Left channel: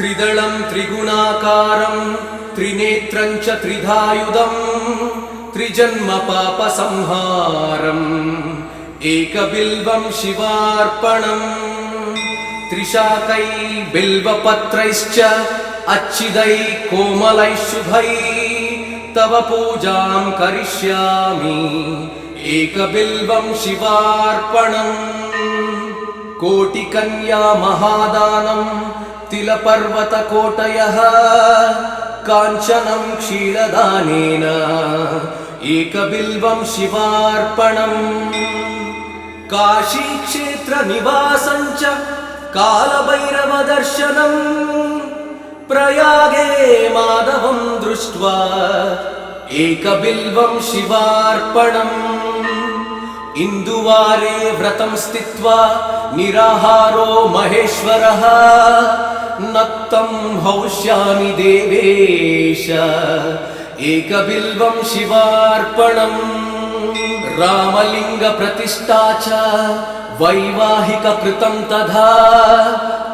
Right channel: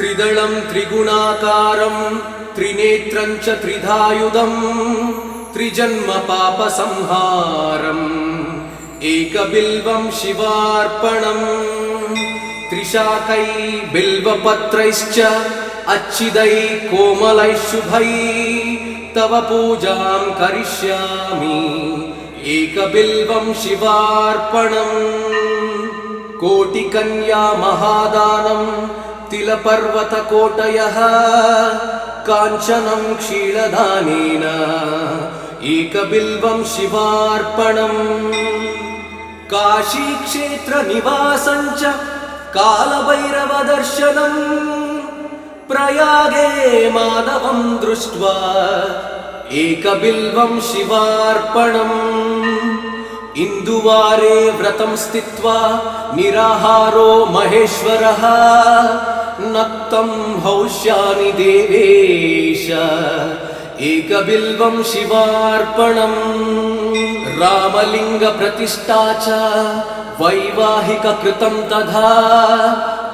त्रिदलं त्रिगुणाकारं त्रिनेत्रं च त्रिधायुधं त्रिजन्म पापसंहारम् एकबिल्वं शिवार्पणम् त्रिशाकै बिल्वपत्रैश्च अच्छिदै कोमलै शुभै तव पूजां करिष्यामि एकबिल्वं शिवार्पणम् कोटिकन्या महादानं तिलपर्वतकोटयः काञ्चनं क्षीरदानेन एकबिल्वं शिवार्पणम् काशीक्षेत्रनिवासं च कालभैरवदर्शनम् प्रयागे माधवं दृष्ट्वा एकबिल्वं शिवार्पणम् इन्दुवारे व्रतं स्थित्वा निराहारो महेश्वरः नक्तं हौष्यामि देवेश एकबिल्वं शिवार्पणम् रामलिङ्गप्रतिष्ठा च वैवाहिककृतं तथा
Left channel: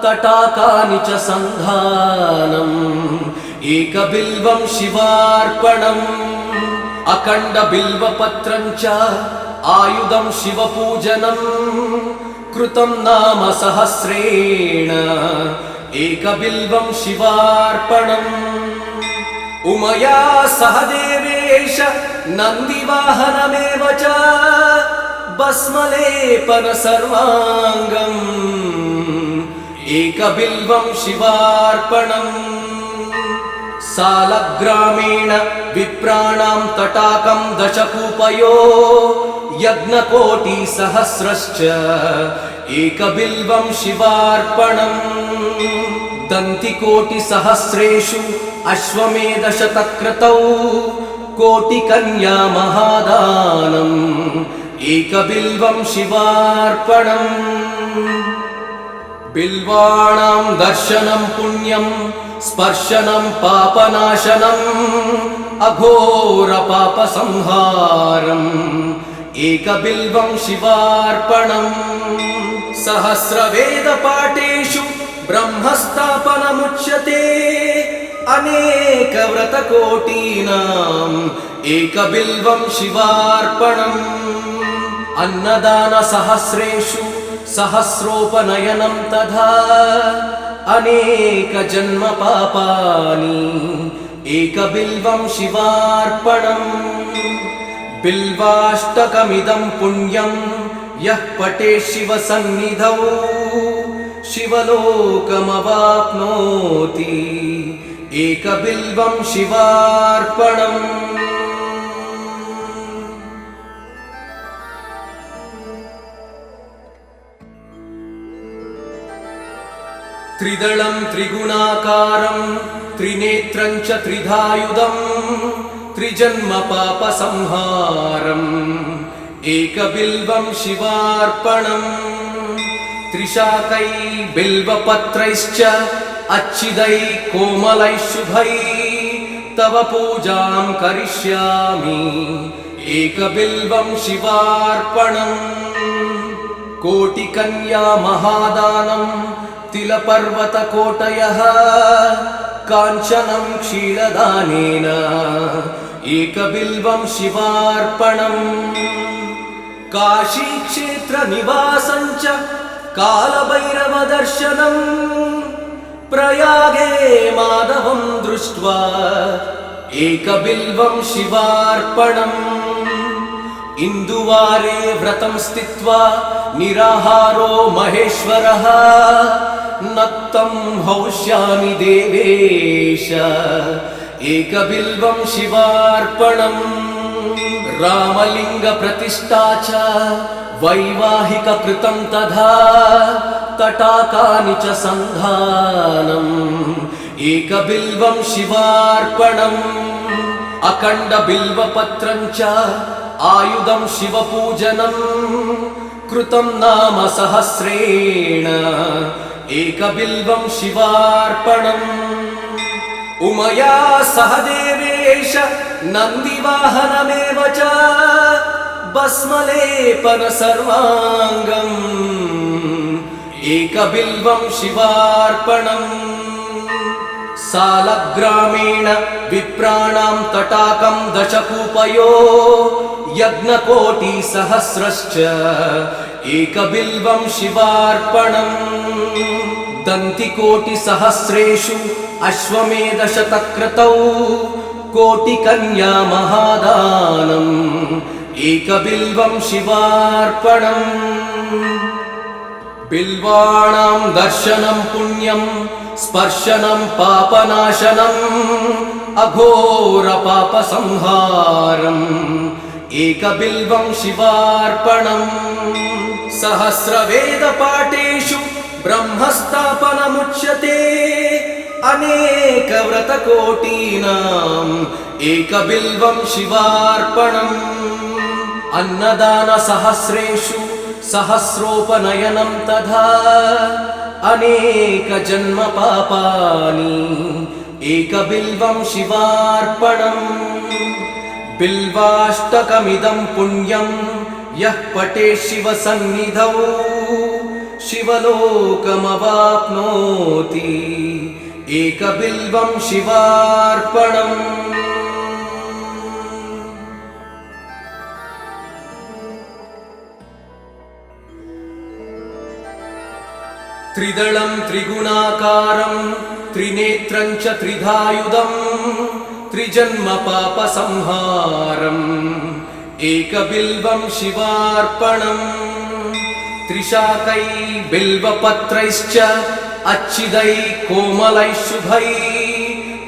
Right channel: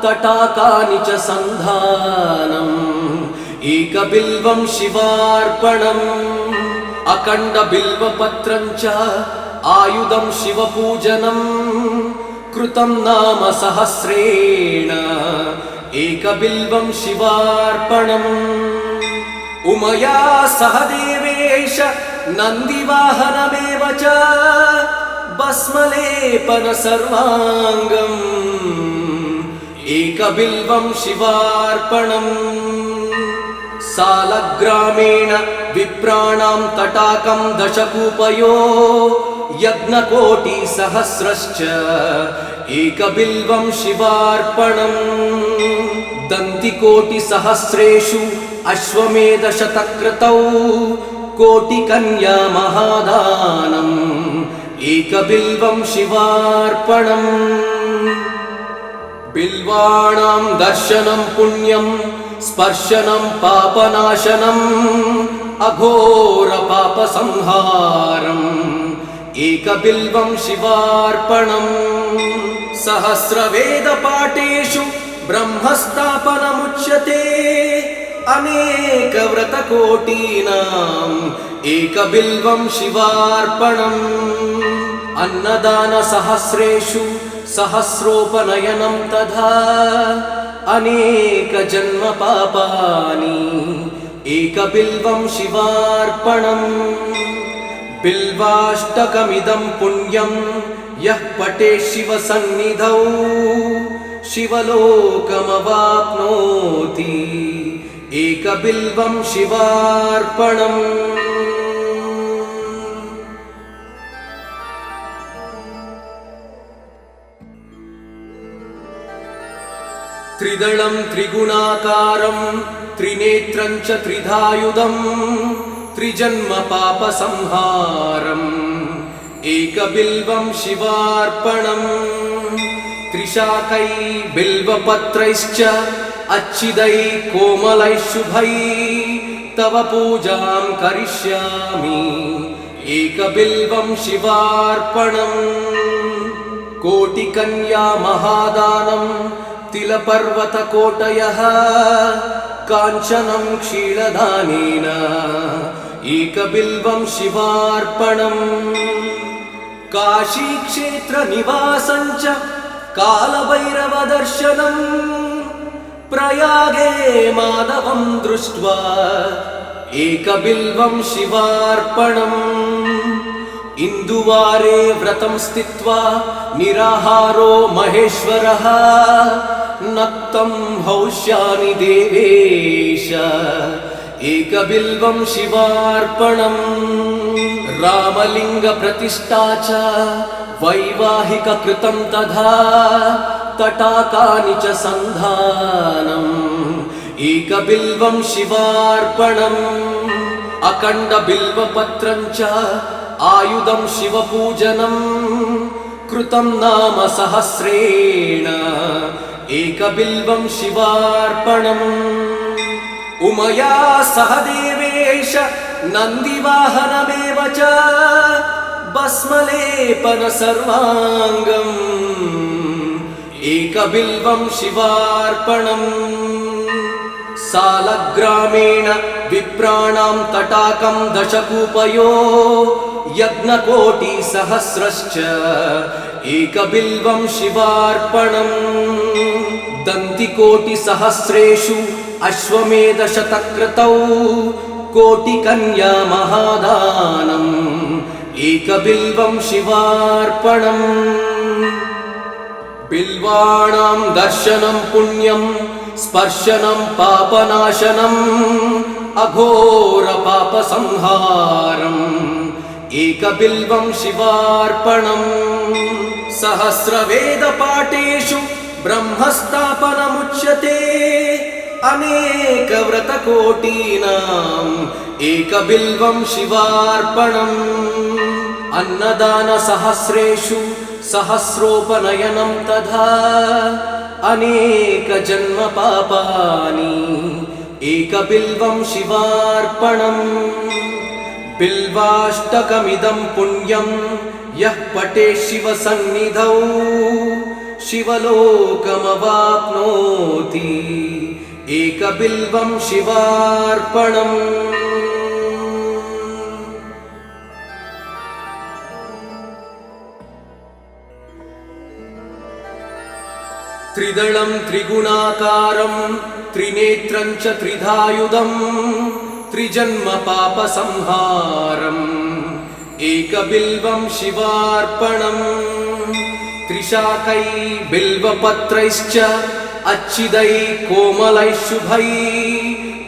तटाकानि च सन्धानम् एकबिल्वं शिवार्पणम् अखण्डबिल्वपत्रं च आयुधं शिवपूजनं कृतं नाम सहस्रेण एकबिल्वं शिवार्पणम् उमया सह देवेश नन्दिवाहनमेव च भस्मलेपन सर्वाङ्गम् एकबिल्वं शिवार्पणम् सालग्रामेण विप्राणां तटाकं दशकूपयो यज्ञकोटिसहस्रश्च एकबिल्वं शिवार्पणम् दन्तिकोटिसहस्रेषु अश्वमेधशतक्रतौ कोटिकन्या महादानम् एकबिल्वं शिवार्पणम् बिल्वाणां दर्शनं पुण्यं स्पर्शनं पापनाशनम् अघोरपापसंहारम् एकबिल्वं शिवार्पणम् सहस्रवेदपाठेषु ब्रह्मस्थापनमुच्यते अनेकव्रतकोटीनाम् एकबिल्वं शिवार्पणम् अन्नदानसहस्रेषु सहस्रोपनयनं तथा अनेकजन्मपापानि एकबिल्वं शिवार्पणम् बिल्वाष्टकमिदं पुण्यं यः पठेत् शिवसन्निधौ शिवलोकमवाप्नोति एकबिल्वं शिवार्पणम् त्रिदलं त्रिगुणाकारं त्रिनेत्रं च त्रिधायुधं त्रिजन्म पापसंहारम् एकबिल्वं शिवार्पणम् त्रिशाकै बिल्वपत्रैश्च अच्छिदै कोमलै शुभै तव पूजां करिष्यामि एकबिल्वं शिवार्पणम् कोटिकन्या महादानं तिलपर्वतकोटयः काञ्चनं क्षीरदानेन एकबिल्वं शिवार्पणम् काशीक्षेत्रनिवासं च कालभैरवदर्शनम् प्रयागे माधवं दृष्ट्वा एकबिल्वं शिवार्पणम् इन्दुवारे व्रतं स्थित्वा निराहारो महेश्वरः नक्तं हौष्यामि देवेश एकबिल्वं शिवार्पणम् रामलिङ्गप्रतिष्ठा च वैवाहिककृतं तथा तटाकानि च सन्धानम् एकबिल्वं शिवार्पणम् अखण्डबिल्वपत्रं च आयुधं शिवपूजनं कृतं नाम सहस्रेण एकबिल्वं शिवार्पणम् उमया सह देवेश नन्दिवाहनमेव च भस्मलेपन सर्वाङ्गम् एकबिल्वं शिवार्पणम् सालग्रामेण विप्राणां तटाकं दशकूपयो यज्ञकोटिसहस्रश्च एकबिल्वं शिवार्पणम् दन्तिकोटिसहस्रेषु अश्वमेधशतक्रतौ कोटिकन्या महादानम् एकबिल्वं शिवार्पणम् बिल्वाणां दर्शनं पुण्यं स्पर्शनं पापनाशनम् अघोरपापसंहारम् एकबिल्वं शिवार्पणम् सहस्रवेदपाठेषु ब्रह्मस्थापनमुच्यते अनेकव्रतकोटीनाम् एकबिल्वं शिवार्पणम् अन्नदानसहस्रेषु सहस्रोपनयनं तथा अनेकजन्मपापानि एकबिल्वं शिवार्पणम् बिल्वाष्टकमिदं पुण्यं यः पठेत् शिवसन्निधौ शिवलोकमवाप्नोति एकबिल्वं शिवार्पणम् त्रिदलं त्रिगुणाकारं त्रिनेत्रं च त्रिधायुधं त्रिजन्मपापसंहारम् एकबिल्वं शिवार्पणम् त्रिशाकै बिल्वपत्रैश्च अच्छिदै कोमलै शुभै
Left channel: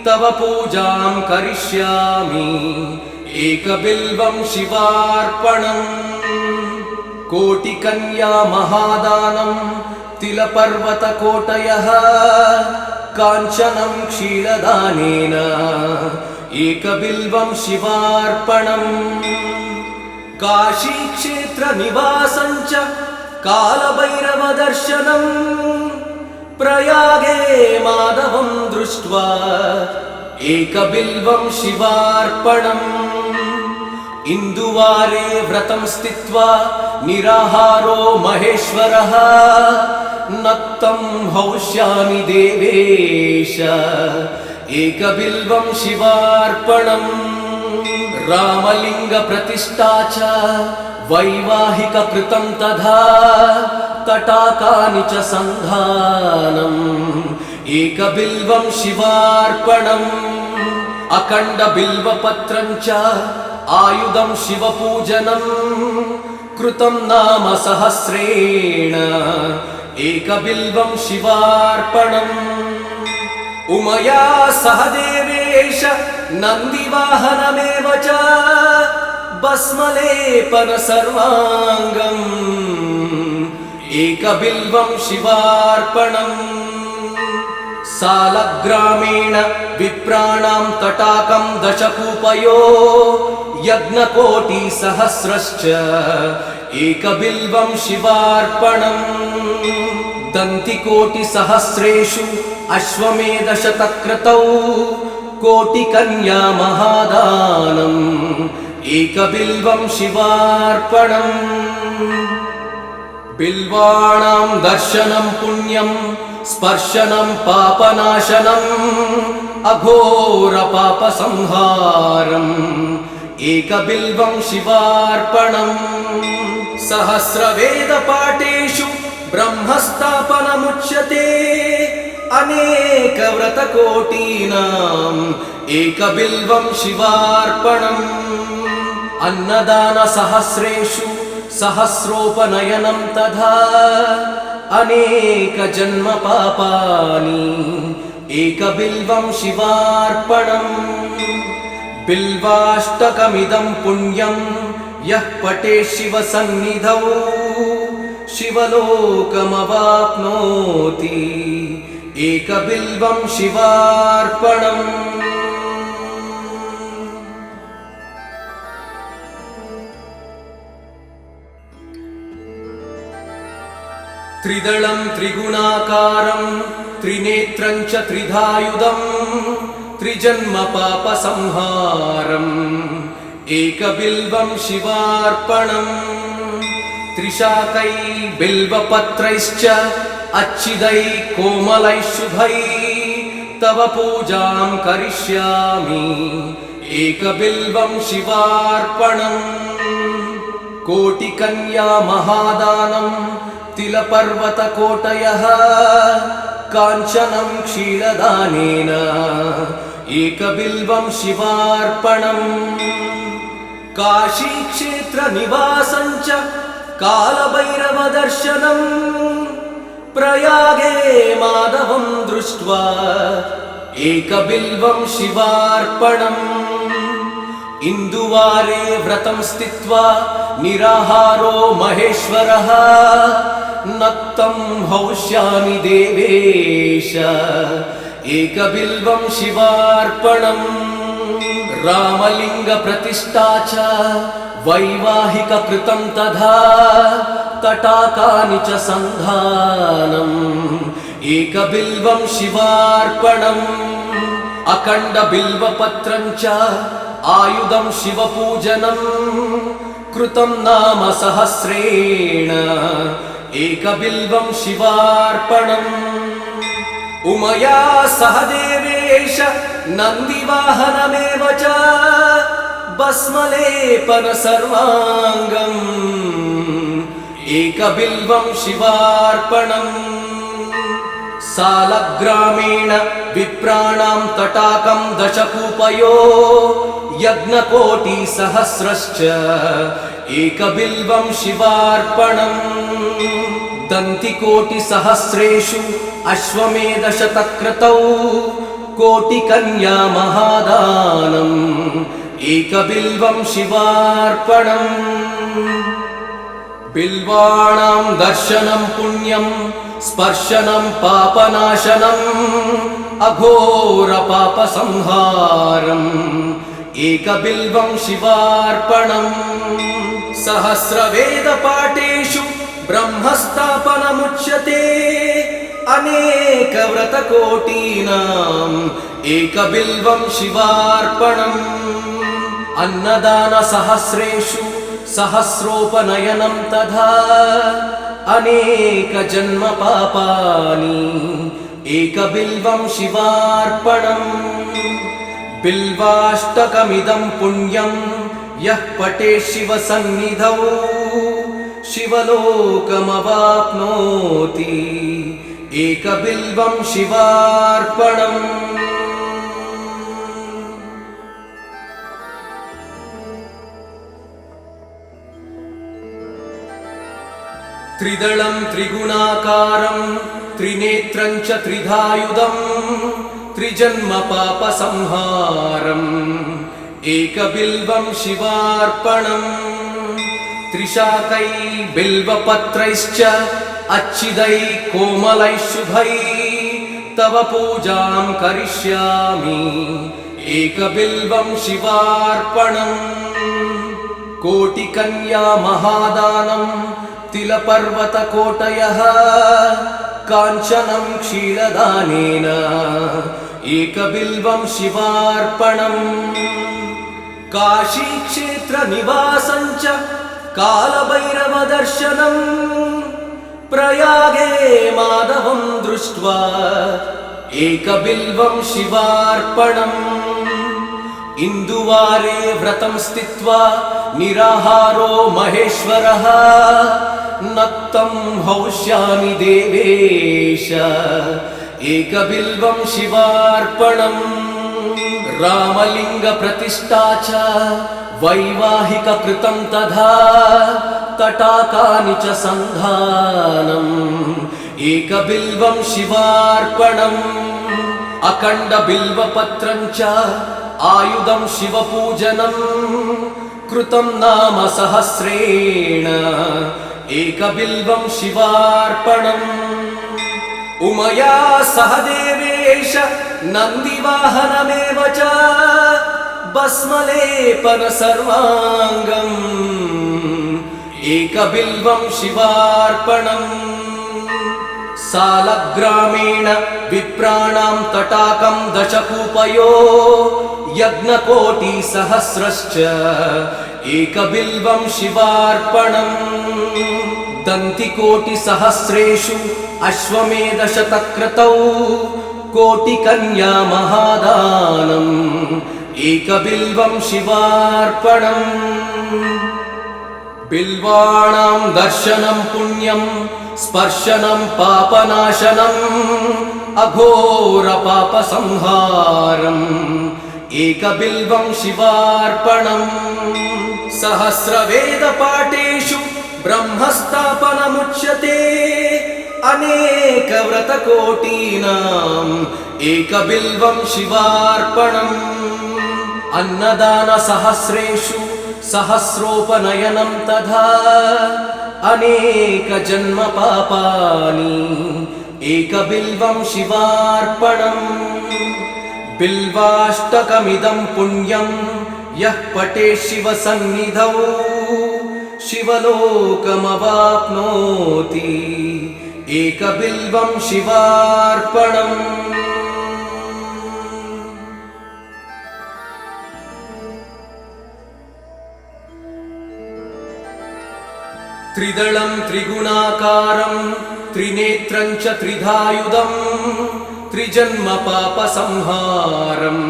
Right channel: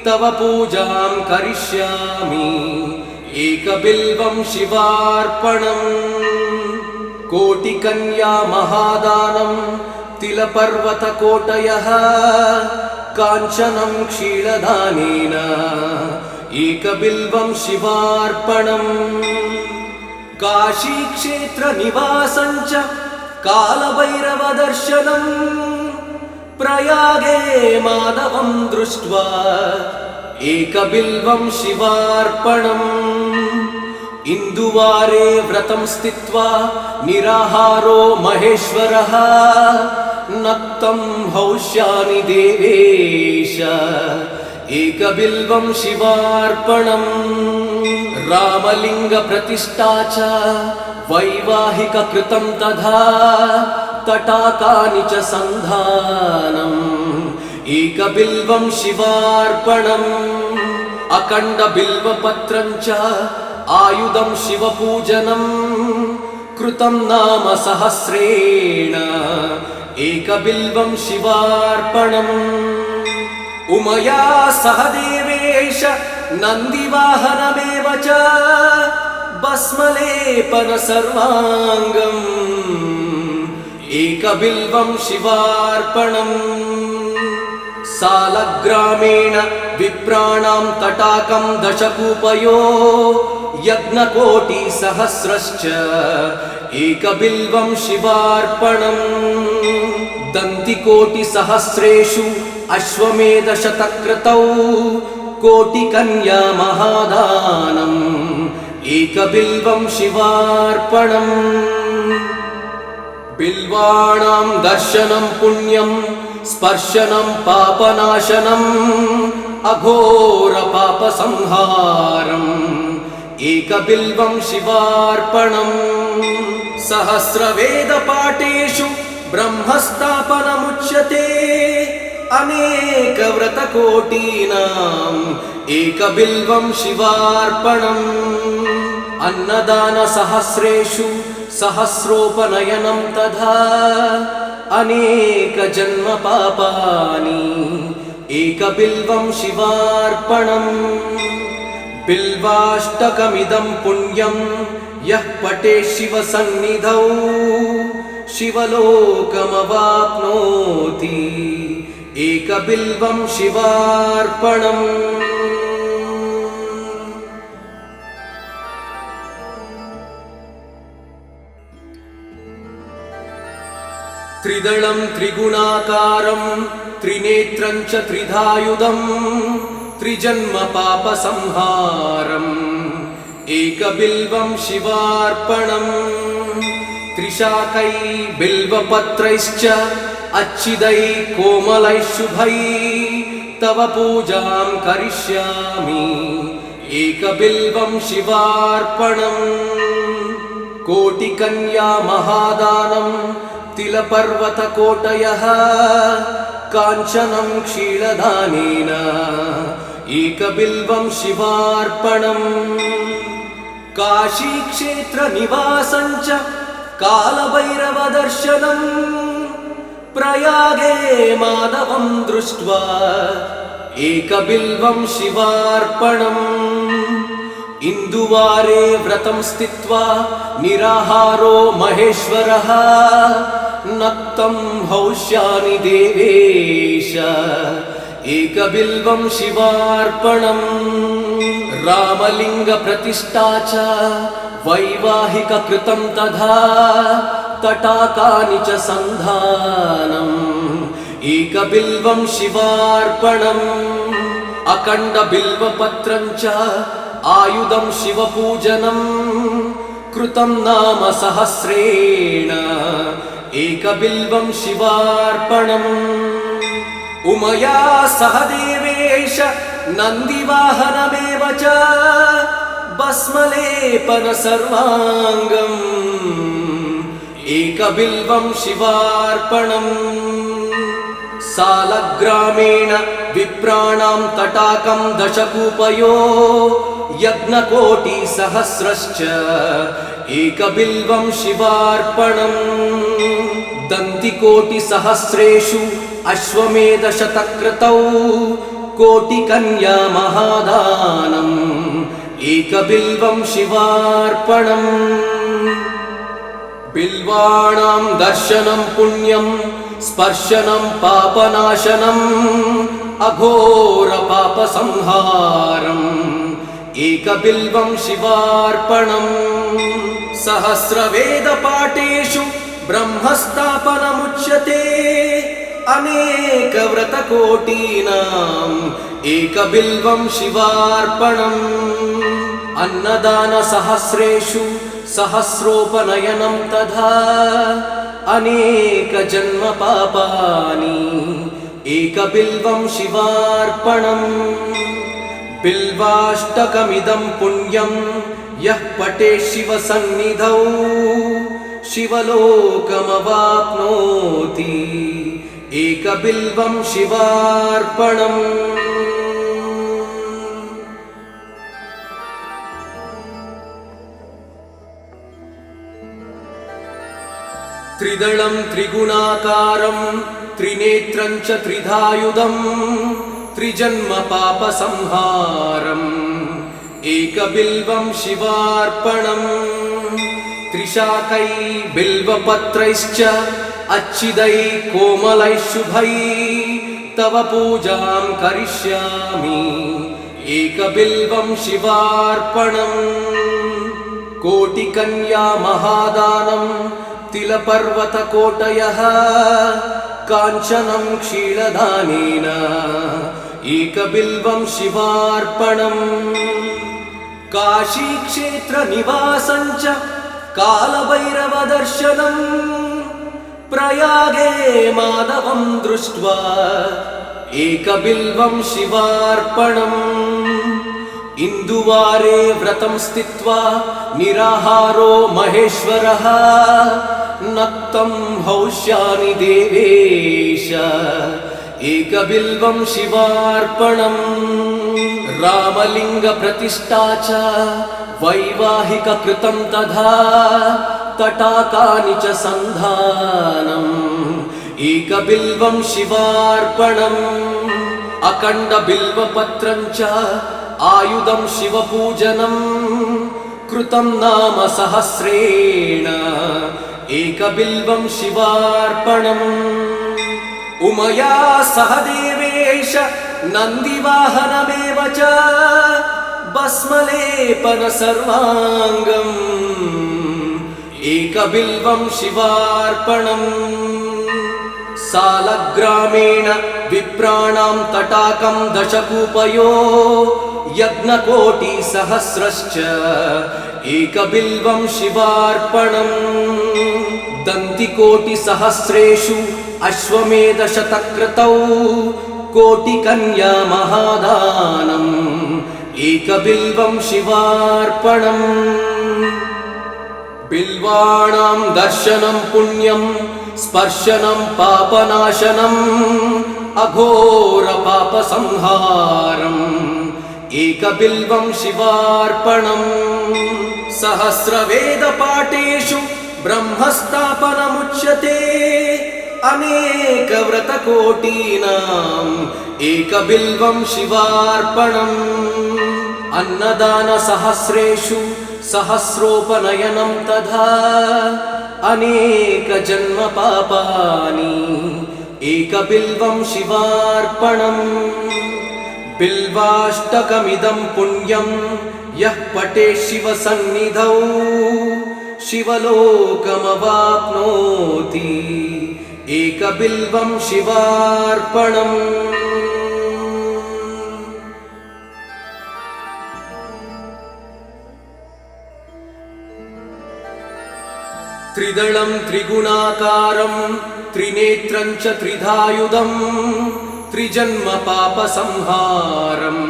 तव पूजां करिष्यामि एकबिल्वं शिवार्पणम् कोटिकन्या महादानं तिलपर्वतकोटयः काञ्चनं क्षीरदानेन एकबिल्वं शिवार्पणम् काशीक्षेत्रनिवासं च कालभैरवदर्शनम् प्रयागे माधवं दृष्ट्वा एकबिल्वं शिवार्पणम् इन्दुवारे व्रतं स्थित्वा निराहारो महेश्वरः नक्तं हौष्यामि देवेश एकबिल्वं शिवार्पणम् रामलिङ्गप्रतिष्ठा च वैवाहिककृतं तथा तटाकानि च सन्धानम् एकबिल्वं शिवार्पणम् अखण्डबिल्वपत्रं च आयुधं शिवपूजनम् कृतं नाम सहस्रेण एकबिल्वं शिवार्पणम् उमया सह देवेश नन्दिवाहनमेव च भस्मलेपन सर्वाङ्गम् एकबिल्वं शिवार्पणम् सालग्रामेण विप्राणां तटाकं दशकूपयो यज्ञकोटिसहस्रश्च एकबिल्वं शिवार्पणम् दन्तिकोटिसहस्रेषु अश्वमेधशतक्रतौ कोटिकन्या महादानम् एकबिल्वं शिवार्पणम् बिल्वाणां दर्शनं पुण्यं स्पर्शनं पापनाशनम् अघोरपापसंहारम् एकबिल्वं शिवार्पणम् सहस्रवेदपाठेषु ब्रह्मस्थापनमुच्यते अनेकव्रतकोटीनाम् एकबिल्वं शिवार्पणम् अन्नदानसहस्रेषु सहस्रोपनयनं तथा अनेकजन्मपापानि एकबिल्वं शिवार्पणम् बिल्वाष्टकमिदं पुण्यं यः पठेत् शिवसन्निधौ शिवलोकमवाप्नोति एकबिल्वं शिवार्पणम् त्रिदलं त्रिगुणाकारं त्रिनेत्रं च त्रिधायुधं त्रिजन्मपापसंहारम् एकबिल्वं शिवार्पणम् त्रिशाकै बिल्वपत्रैश्च अच्छिदै कोमलै शुभै तव पूजां करिष्यामि एकबिल्वं शिवार्पणम् कोटिकन्या महादानं तिलपर्वतकोटयः काञ्चनं क्षीरदानेन एकबिल्वं शिवार्पणम् काशीक्षेत्रनिवासं च कालभैरवदर्शनम् प्रयागे माधवं दृष्ट्वा एकबिल्वं शिवार्पणम् इन्दुवारे व्रतं स्थित्वा निराहारो महेश्वरः नक्तं हौष्यामि देवेश एकबिल्वं शिवार्पणम् रामलिङ्गप्रतिष्ठा च वैवाहिककृतं तथा तटाकानि च सन्धानम् एकबिल्वं शिवार्पणम् अखण्डबिल्वपत्रं च आयुधं शिवपूजनं कृतं नाम सहस्रेण एकबिल्वं शिवार्पणम् उमया सह देवेश नन्दिवाहनमेव च भस्मलेपन सर्वाङ्गम् एकबिल्वं शिवार्पणम् सालग्रामेण विप्राणां तटाकं दशकूपयो यज्ञकोटिसहस्रश्च एकबिल्वं शिवार्पणम् दन्तिकोटिसहस्रेषु अश्वमेधशतक्रतौ कोटिकन्या महादानम् एकबिल्वं शिवार्पणम् बिल्वाणां दर्शनं पुण्यं स्पर्शनं पापनाशनम् अघोरपापसंहारम् एकबिल्वं शिवार्पणम् सहस्रवेदपाठेषु ब्रह्मस्थापनमुच्यते अनेकव्रतकोटीनाम् एकबिल्वं शिवार्पणम् अन्नदानसहस्रेषु सहस्रोपनयनं तथा अनेकजन्मपापानि एकबिल्वं शिवार्पणम् बिल्वाष्टकमिदं पुण्यं यः पठेत् शिवसन्निधौ शिवलोकमवाप्नोति एकबिल्वं शिवार्पणम् त्रिदलं त्रिगुणाकारं त्रिनेत्रं च त्रिधायुधं त्रिजन्मपापसंहारम् एकबिल्वं शिवार्पणम् त्रिशाकै बिल्वपत्रैश्च अच्छिदै कोमलै शुभै तव पूजां करिष्यामि एकबिल्वं शिवार्पणम् कोटिकन्या महादानं तिलपर्वतकोटयः काञ्चनं क्षीरदानेन एकबिल्वं शिवार्पणम् काशीक्षेत्रनिवासं च कालभैरवदर्शनम् प्रयागे माधवं दृष्ट्वा एकबिल्वं शिवार्पणम् इन्दुवारे व्रतं स्थित्वा निराहारो महेश्वरः नक्तं हौष्यामि देवेश एकबिल्वं शिवार्पणम् रामलिङ्गप्रतिष्ठा च वैवाहिककृतं तथा तटाकानि च सन्धानम् एकबिल्वं शिवार्पणम् अखण्डबिल्वपत्रं च आयुधं शिवपूजनं कृतं नाम सहस्रेण एकबिल्वं शिवार्पणम् उमया सह देवेश नन्दिवाहनमेव च भस्मलेपन सर्वाङ्गम् एकबिल्वं शिवार्पणम् सालग्रामेण विप्राणां तटाकं दशकूपयो यज्ञकोटिसहस्रश्च एकबिल्वं शिवार्पणम् दन्तिकोटिसहस्रेषु अश्वमेधशतक्रतौ कोटिकन्या महादानम् एकबिल्वं शिवार्पणम् बिल्वाणां दर्शनं पुण्यं स्पर्शनं पापनाशनम् अघोरपापसंहारम् एकबिल्वं शिवार्पणम् सहस्रवेदपाठेषु ब्रह्मस्थापनमुच्यते अनेकव्रतकोटीनाम् एकबिल्वं शिवार्पणम् अन्नदानसहस्रेषु सहस्रोपनयनं तथा अनेकजन्मपापानि एकबिल्वं शिवार्पणम् बिल्वाष्टकमिदं पुण्यं यः पठेत् शिवसन्निधौ शिवलोकमवाप्नोति एकबिल्वं शिवार्पणम् त्रिदलं त्रिगुणाकारं त्रिनेत्रं च त्रिधायुधं त्रिजन्मपापसंहारम्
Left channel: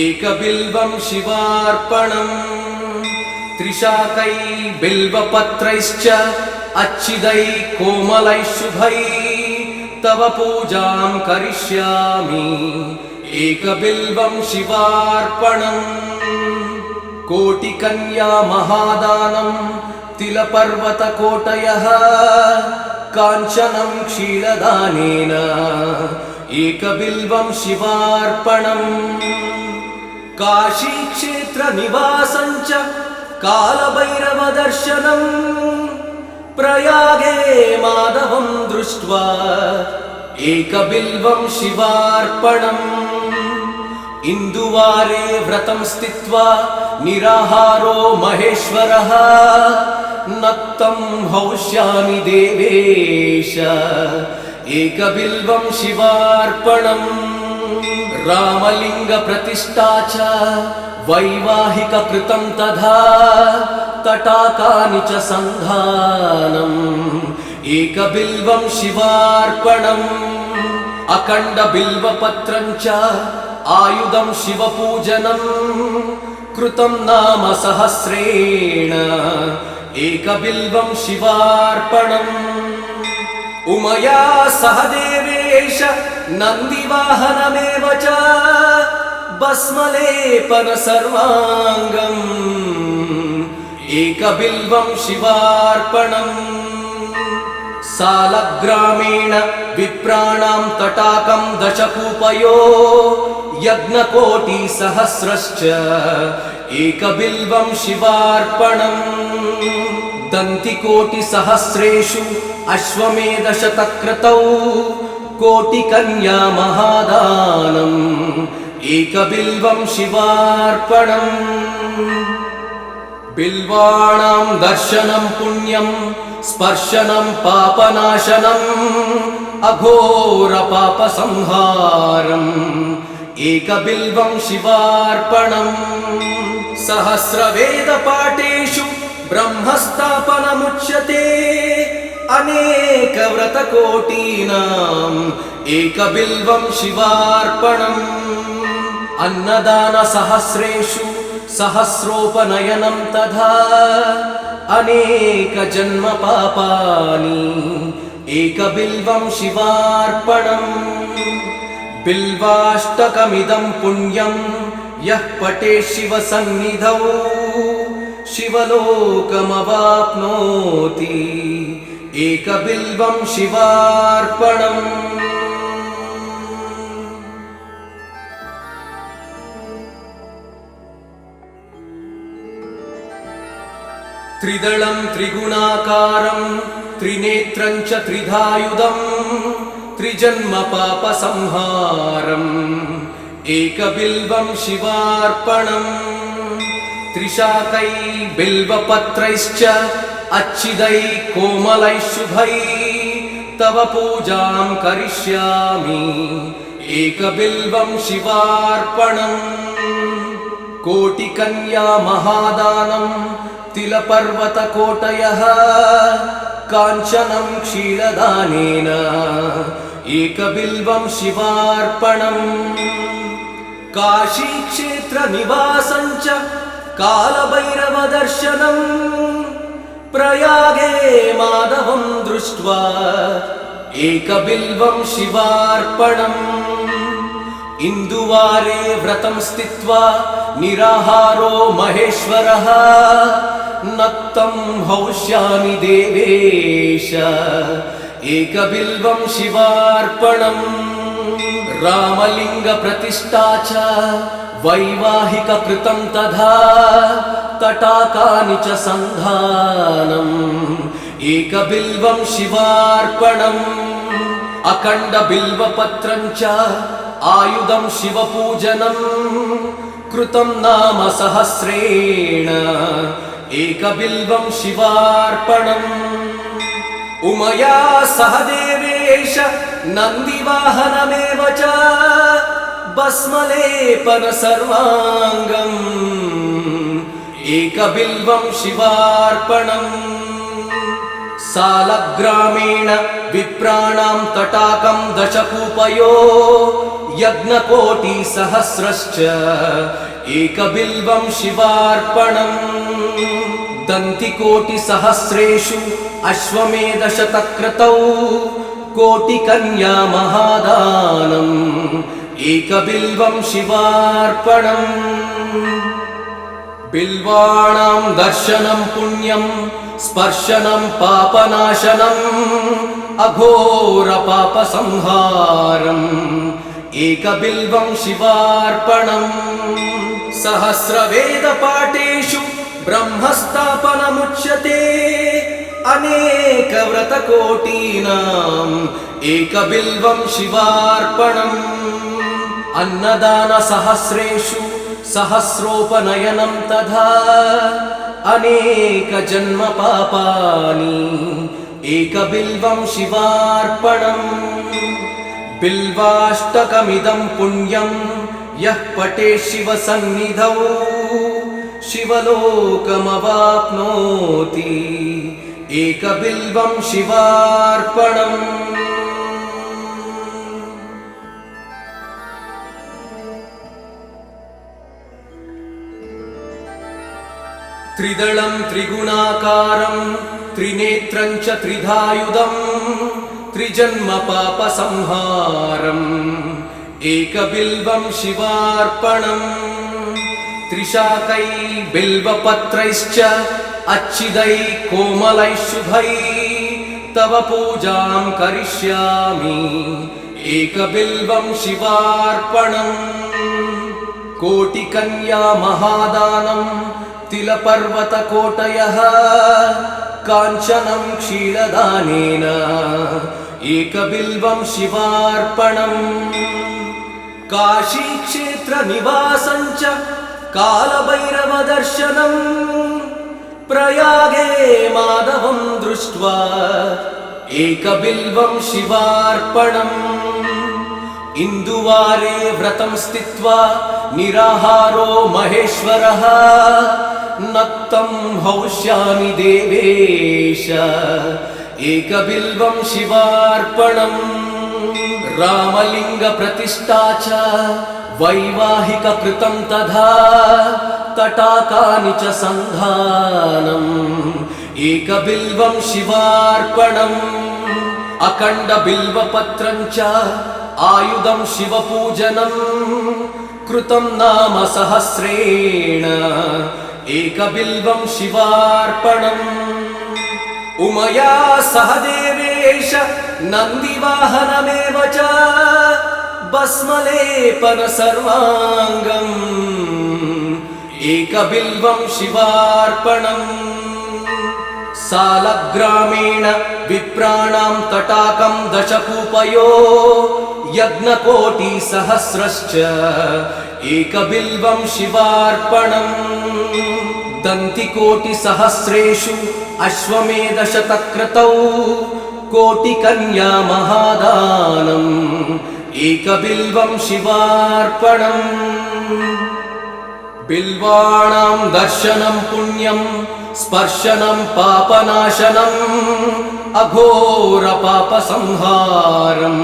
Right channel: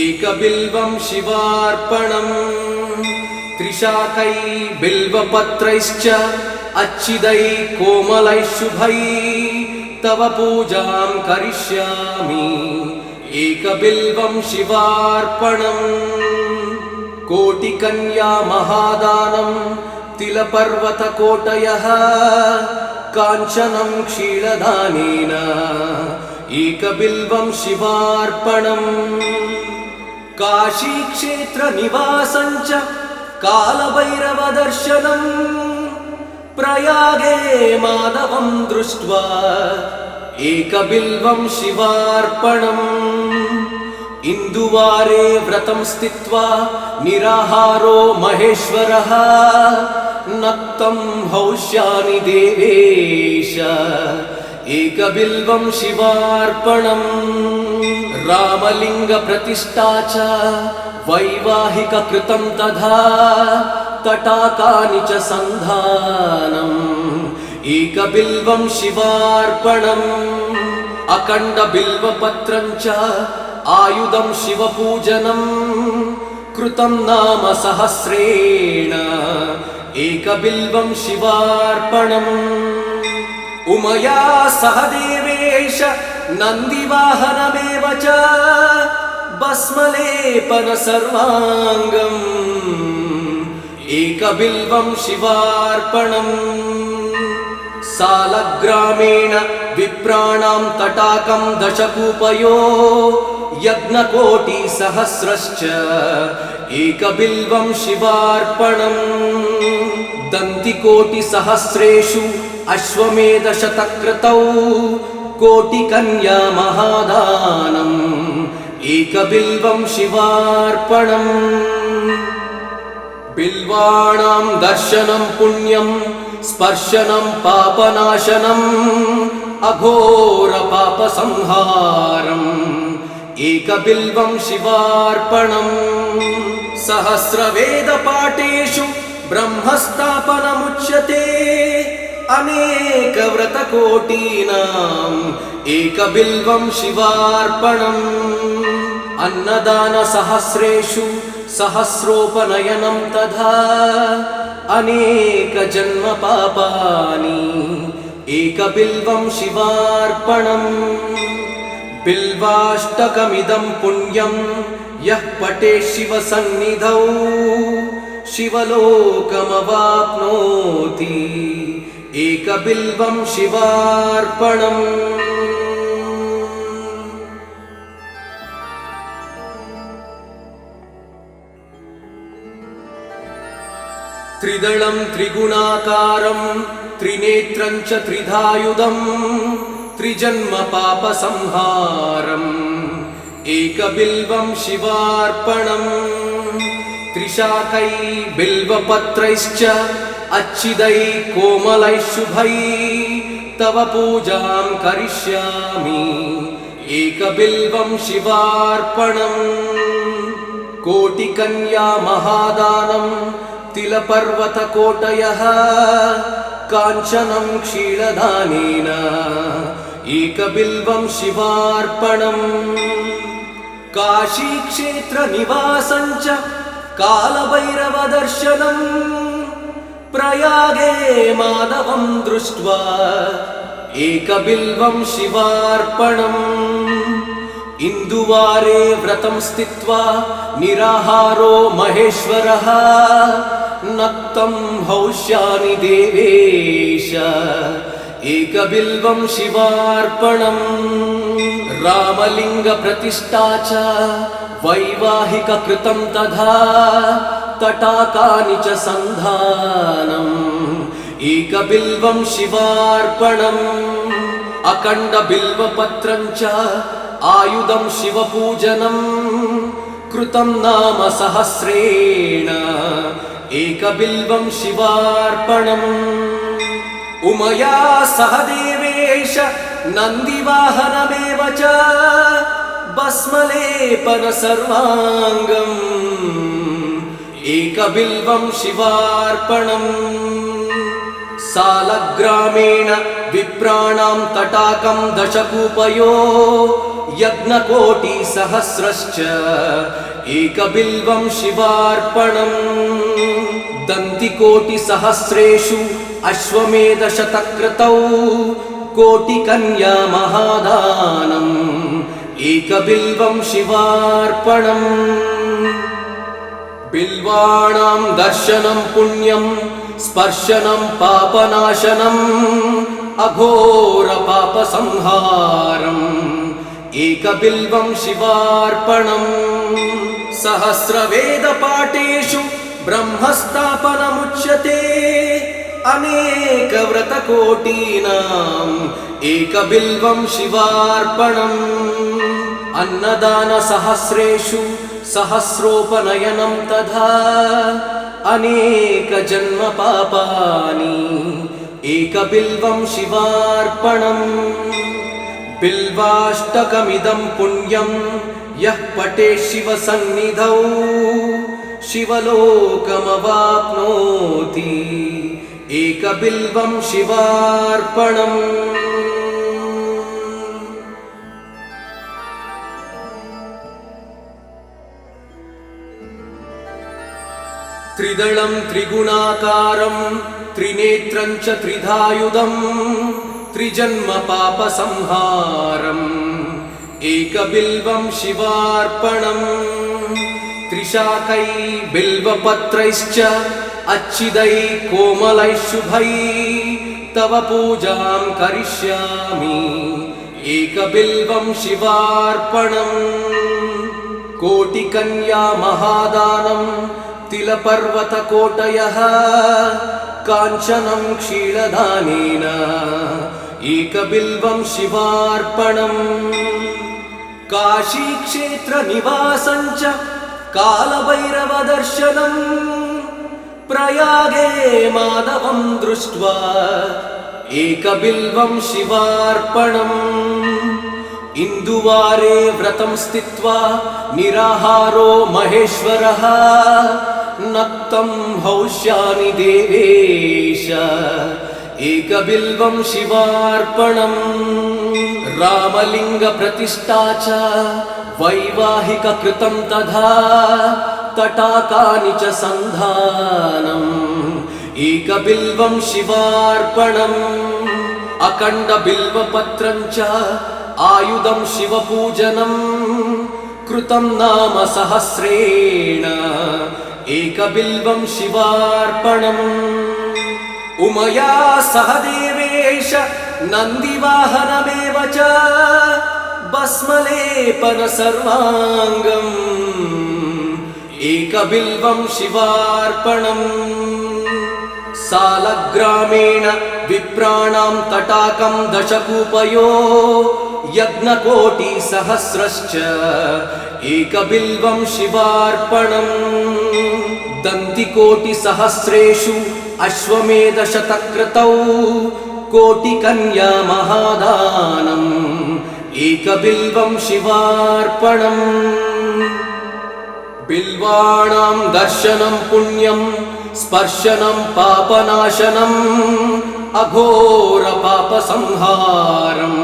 एकबिल्वं शिवार्पणम् त्रिशाकै बिल्वपत्रैश्च अच्छिदैः कोमलैः शुभैः तव पूजां करिष्यामि एकबिल्वं शिवार्पणम् कोटिकन्या महादानं तिलपर्वतकोटयः काञ्चनं क्षीरदानेन एकबिल्वं शिवार्पणम् काशीक्षेत्रनिवासं च कालभैरवदर्शनम् प्रयागे माधवं दृष्ट्वा एकबिल्वं शिवार्पणम् इन्दुवारे व्रतं स्थित्वा निराहारो महेश्वरः नक्तं हौष्यामि देवेश एकबिल्वं शिवार्पणम् रामलिङ्गप्रतिष्ठा च वैवाहिककृतं तथा तटाकानि च सन्धानम् एकबिल्वं शिवार्पणम् अखण्डबिल्वपत्रं च आयुधं शिवपूजनम् कृतं नाम सहस्रेण एकबिल्वं शिवार्पणम् उमया सह देवेश नन्दिवाहनमेव च भस्मलेपन सर्वाङ्गम् एकबिल्वं शिवार्पणम् सालग्रामेण विप्राणां तटाकं दशकूपयो यज्ञकोटिसहस्रश्च एकबिल्वं शिवार्पणम् दन्तिकोटिसहस्रेषु अश्वमेधशतक्रतौ कोटिकन्या महादानम् एकबिल्वं शिवार्पणम् बिल्वाणां दर्शनं पुण्यं स्पर्शनं पापनाशनम् अघोरपापसंहारम् एकबिल्वं शिवार्पणम् सहस्रवेदपाठेषु ब्रह्मस्थापनमुच्यते अनेकव्रतकोटीनाम् एकबिल्वं शिवार्पणम् अन्नदानसहस्रेषु सहस्रोपनयनं तथा अनेकजन्मपापानि एकबिल्वं शिवार्पणम् बिल्वाष्टकमिदं पुण्यं यः पठेत् शिवसन्निधौ शिवलोकमवाप्नोति एकबिल्वं शिवार्पणम् त्रिदलं त्रिगुणाकारं त्रिनेत्रं च त्रिधायुधं त्रिजन्मपापसंहारम् एकबिल्वं शिवार्पणम् त्रिशाकै बिल्वपत्रैश्च अच्छिदैः कोमलैः शुभैः तव पूजां करिष्यामि एकबिल्वं शिवार्पणम् कोटिकन्या महादानं तिलपर्वतकोटयः काञ्चनं क्षीरदानेन एकबिल्वं शिवार्पणम् काशीक्षेत्रनिवासं च कालभैरवदर्शनम् प्रयागे माधवं दृष्ट्वा एकबिल्वं शिवार्पणम् इन्दुवारे व्रतं स्थित्वा निराहारो महेश्वरः नक्तं हौष्यामि देवेश एकबिल्वं शिवार्पणम् रामलिङ्गप्रतिष्ठा च वैवाहिककृतं तथा तटाकानि च सन्धानम् एकबिल्वं शिवार्पणम् अखण्डबिल्वपत्रं च आयुधं शिवपूजनं कृतं नाम सहस्रेण एकबिल्वं शिवार्पणम् उमया सह देवेश नन्दिवाहनमेव च भस्मलेपन सर्वाङ्गम् एकबिल्वं शिवार्पणम् सालग्रामेण विप्राणां तटाकं दशकूपयो यज्ञकोटिसहस्रश्च एकबिल्वं शिवार्पणम् दन्तिकोटिसहस्रेषु अश्वमेधशतक्रतौ कोटिकन्या महादानम् एकबिल्वं शिवार्पणम् बिल्वाणां दर्शनं पुण्यं स्पर्शनं पापनाशनम् अघोरपापसंहारम् एकबिल्वं शिवार्पणम् सहस्रवेदपाठेषु ब्रह्मस्थापनमुच्यते अनेकव्रतकोटीनाम् एकबिल्वं शिवार्पणम् अन्नदानसहस्रेषु सहस्रोपनयनं तथा अनेकजन्मपापानि एकबिल्वं शिवार्पणम् बिल्वाष्टकमिदं पुण्यं यः पठेत् शिवसन्निधौ शिवलोकमवाप्नोति एकबिल्वं शिवार्पणम् त्रिदलं त्रिगुणाकारं त्रिनेत्रं च त्रिधायुधम् त्रिजन्मपापसंहारम् एकबिल्वं शिवार्पणम् त्रिशाकै बिल्वपत्रैश्च अच्छिदैः कोमलैः शुभैः तव पूजां करिष्यामि एकबिल्वं शिवार्पणम् कोटिकन्या महादानं तिलपर्वतकोटयः काञ्चनं क्षीरदानेन एकबिल्वं शिवार्पणम् काशीक्षेत्रनिवासं च कालभैरवदर्शनम् प्रयागे माधवं दृष्ट्वा एकबिल्वं शिवार्पणम् इन्दुवारे व्रतं स्थित्वा निराहारो महेश्वरः नक्तं हौष्यामि देवेश एकबिल्वं शिवार्पणम् रामलिङ्गप्रतिष्ठा च वैवाहिककृतं तथा तटाकानि च सन्धानम् एकबिल्वं शिवार्पणम् अखण्डबिल्वपत्रं च आयुधं शिवपूजनं कृतं नाम सहस्रेण एकबिल्वं शिवार्पणम् उमया सह देवेश नन्दिवाहनमेव च भस्मलेपन सर्वाङ्गम् एकबिल्वं शिवार्पणम् सालग्रामेण विप्राणां तटाकं दशकूपयो यज्ञकोटिसहस्रश्च एकबिल्वं शिवार्पणम् दन्तिकोटिसहस्रेषु अश्वमेधशतक्रतौ कोटिकन्या महादानम् एकबिल्वं शिवार्पणम् बिल्वाणां दर्शनं पुण्यं स्पर्शनं पापनाशनम् अघोरपापसंहारम्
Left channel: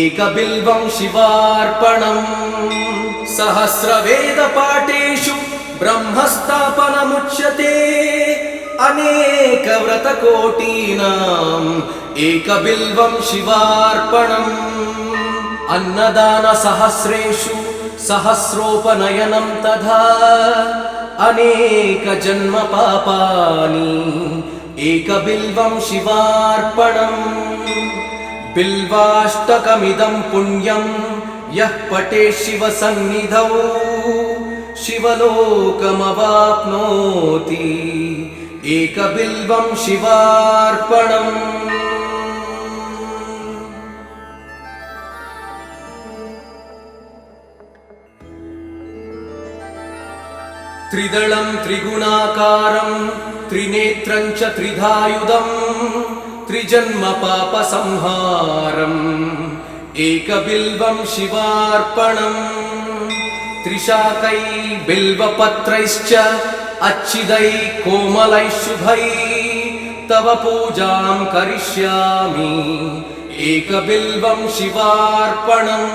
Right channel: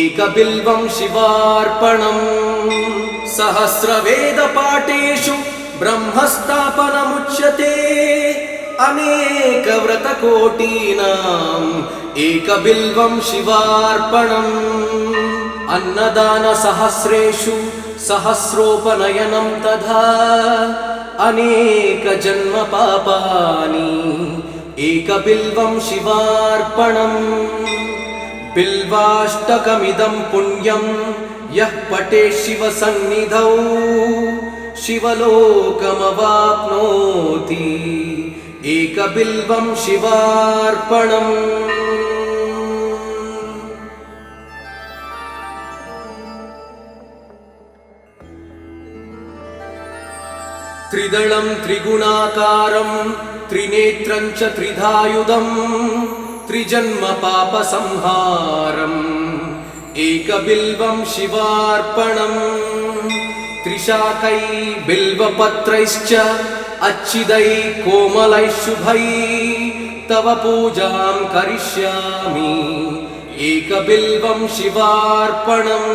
एकबिल्वं शिवार्पणम् सहस्रवेदपाठेषु ब्रह्मस्थापनमुच्यते अनेकव्रतकोटीनाम् एकबिल्वं शिवार्पणम् अन्नदानसहस्रेषु सहस्रोपनयनं तथा अनेकजन्मपापानि एकबिल्वं शिवार्पणम् बिल्वाष्टकमिदं पुण्यं यः पठेत् शिवसन्निधौ शिवलोकमवाप्नोति एकबिल्वं शिवार्पणम् त्रिदलं त्रिगुणाकारं त्रिनेत्रं च त्रिधायुधं त्रिजन्मपापसंहारम् एकबिल्वं शिवार्पणम् त्रिशाकै बिल्वपत्रैश्च अच्छिदै कोमलैः शुभै तव पूजां करिष्यामि एकबिल्वं शिवार्पणम्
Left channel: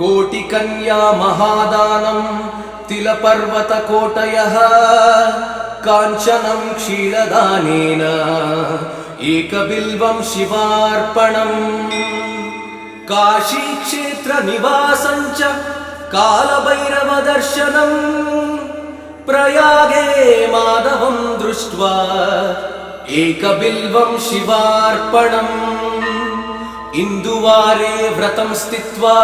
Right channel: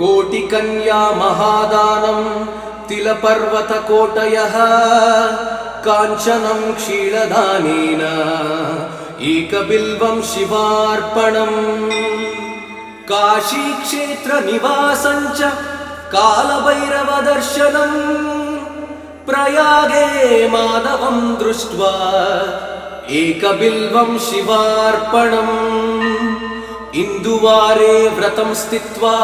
कोटिकन्या महादानं तिलपर्वतकोटयः काञ्चनं क्षीरदानेन एकबिल्वं शिवार्पणम् काशीक्षेत्रनिवासं च कालभैरवदर्शनम् प्रयागे माधवं दृष्ट्वा एकबिल्वं शिवार्पणम् इन्दुवारे व्रतं स्थित्वा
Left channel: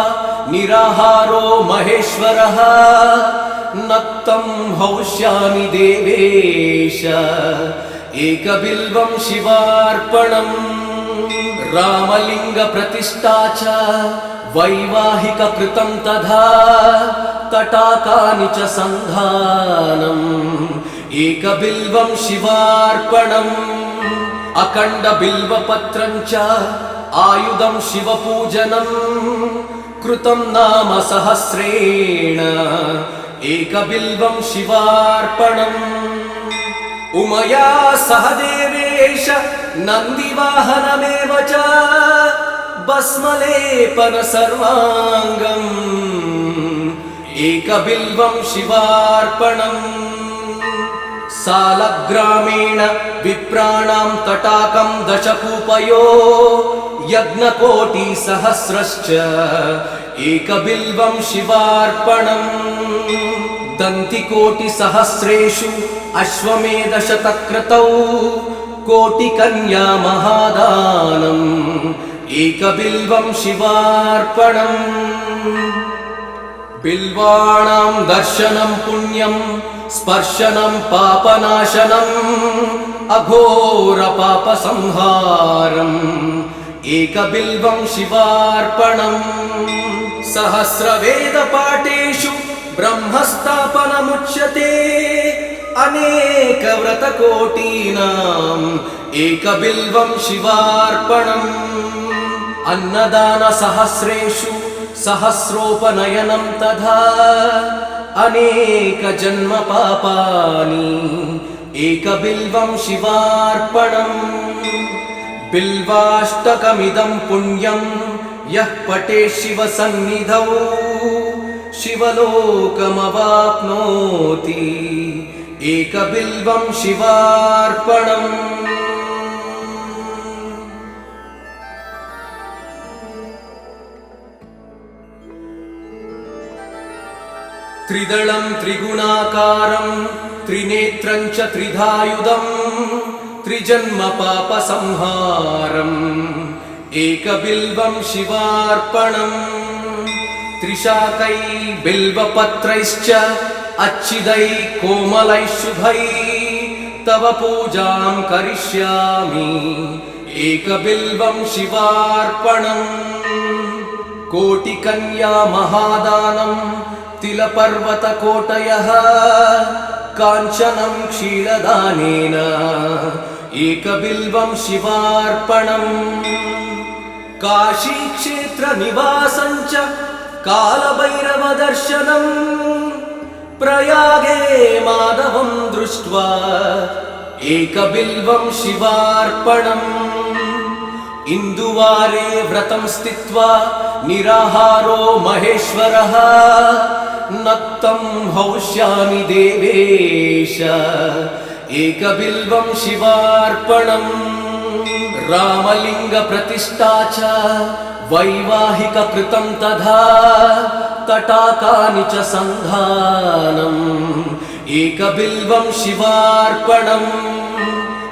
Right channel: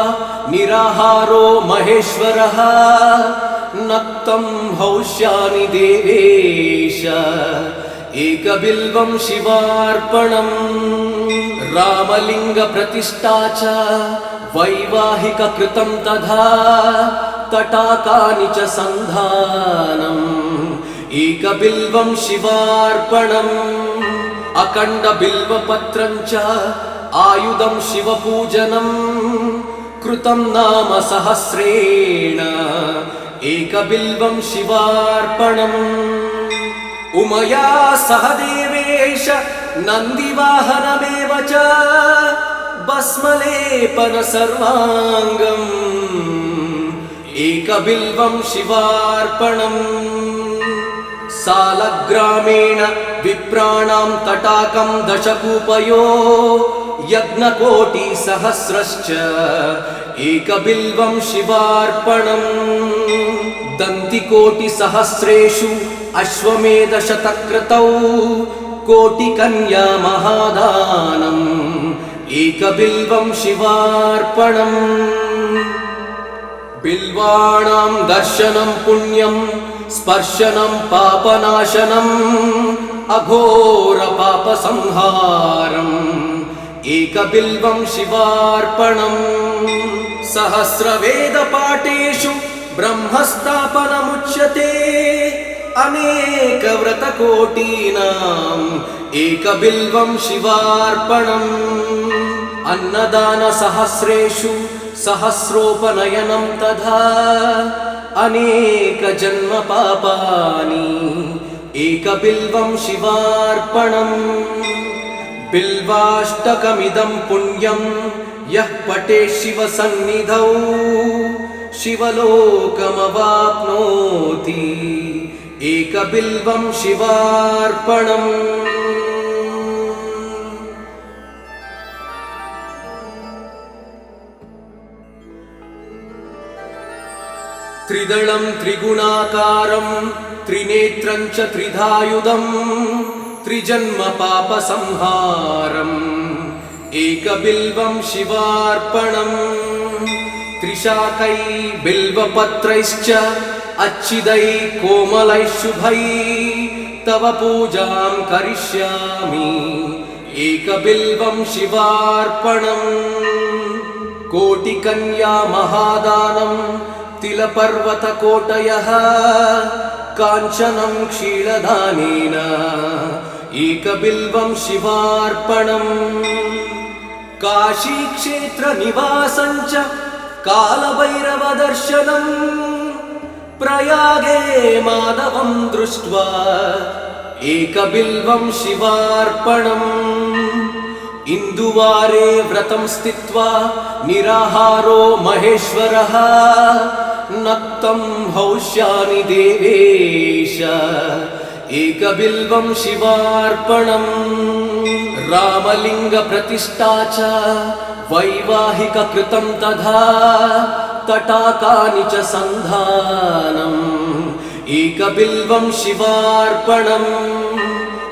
निराहारो महेश्वरः नक्तं हौष्यामि देवेश एकबिल्वं शिवार्पणम् रामलिङ्गप्रतिष्ठा च वैवाहिककृतं तथा तटाकानि च सन्धानम् एकबिल्वं शिवार्पणम् अखण्डबिल्वपत्रं च आयुधं शिवपूजनं कृतं नाम सहस्रेण एकबिल्वं शिवार्पणम् उमया सह देवेश नन्दिवाहनमेव च भस्मलेपन सर्वाङ्गम् एकबिल्वं शिवार्पणम् सालग्रामेण विप्राणां तटाकं दशकूपयो यज्ञकोटिसहस्रश्च एकबिल्वं शिवार्पणम् दन्तिकोटिसहस्रेषु अश्वमेधशतक्रतौ कोटिकन्या महादानम् एकबिल्वं शिवार्पणम् बिल्वाणां दर्शनं पुण्यं स्पर्शनं पापनाशनम् अघोरपापसंहारम् एकबिल्वं शिवार्पणम् सहस्रवेदपाठेषु ब्रह्मस्थापनमुच्यते अनेकव्रतकोटीनाम् एकबिल्वं शिवार्पणम् अन्नदानसहस्रेषु सहस्रोपनयनं तथा अनेकजन्मपापानि एकबिल्वं शिवार्पणम् बिल्वाष्टकमिदं पुण्यं यः पठेत् शिवसन्निधौ शिवलोकमवाप्नोति एकबिल्वं शिवार्पणम् त्रिदलं त्रिगुणाकारं त्रिनेत्रं च त्रिधायुधं त्रिजन्मपापसंहारम् एकबिल्वं शिवार्पणम् त्रिशाकै बिल्वपत्रैश्च अच्छिदै कोमलैः शुभै तव पूजां करिष्यामि एकबिल्वं शिवार्पणम् कोटिकन्या महादानं तिलपर्वतकोटयः काञ्चनं क्षीरदानेन एकबिल्वं शिवार्पणम् काशीक्षेत्रनिवासं च कालभैरवदर्शनम् प्रयागे माधवं दृष्ट्वा एकबिल्वं शिवार्पणम् इन्दुवारे व्रतं स्थित्वा निराहारो महेश्वरः नक्तं हौष्यामि देवेश एकबिल्वं शिवार्पणम् रामलिङ्गप्रतिष्ठा च वैवाहिककृतं तथा तटाकानि च सन्धानम् एकबिल्वं शिवार्पणम्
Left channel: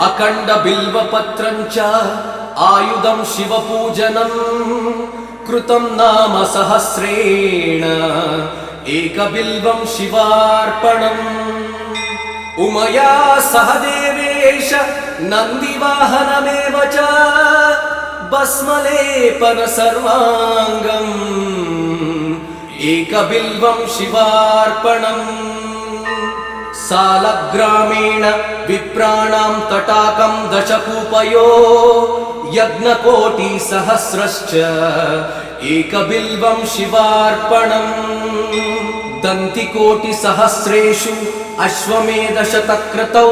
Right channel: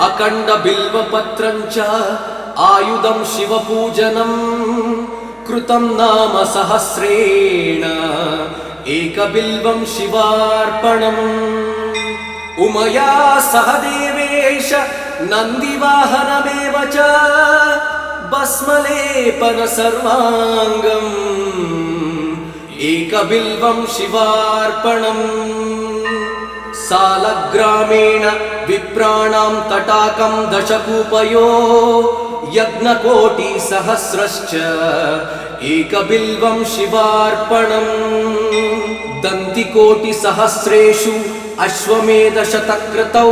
अखण्डबिल्वपत्रं च आयुधं शिवपूजनम् कृतं नाम सहस्रेण एकबिल्वं शिवार्पणम् उमया सह देवेश नन्दिवाहनमेव च भस्मलेपन सर्वाङ्गम् एकबिल्वं शिवार्पणम् सालग्रामेण विप्राणां तटाकं दशकूपयो यज्ञकोटिसहस्रश्च एकबिल्वं शिवार्पणम् दन्तिकोटिसहस्रेषु अश्वमेधशतक्रतौ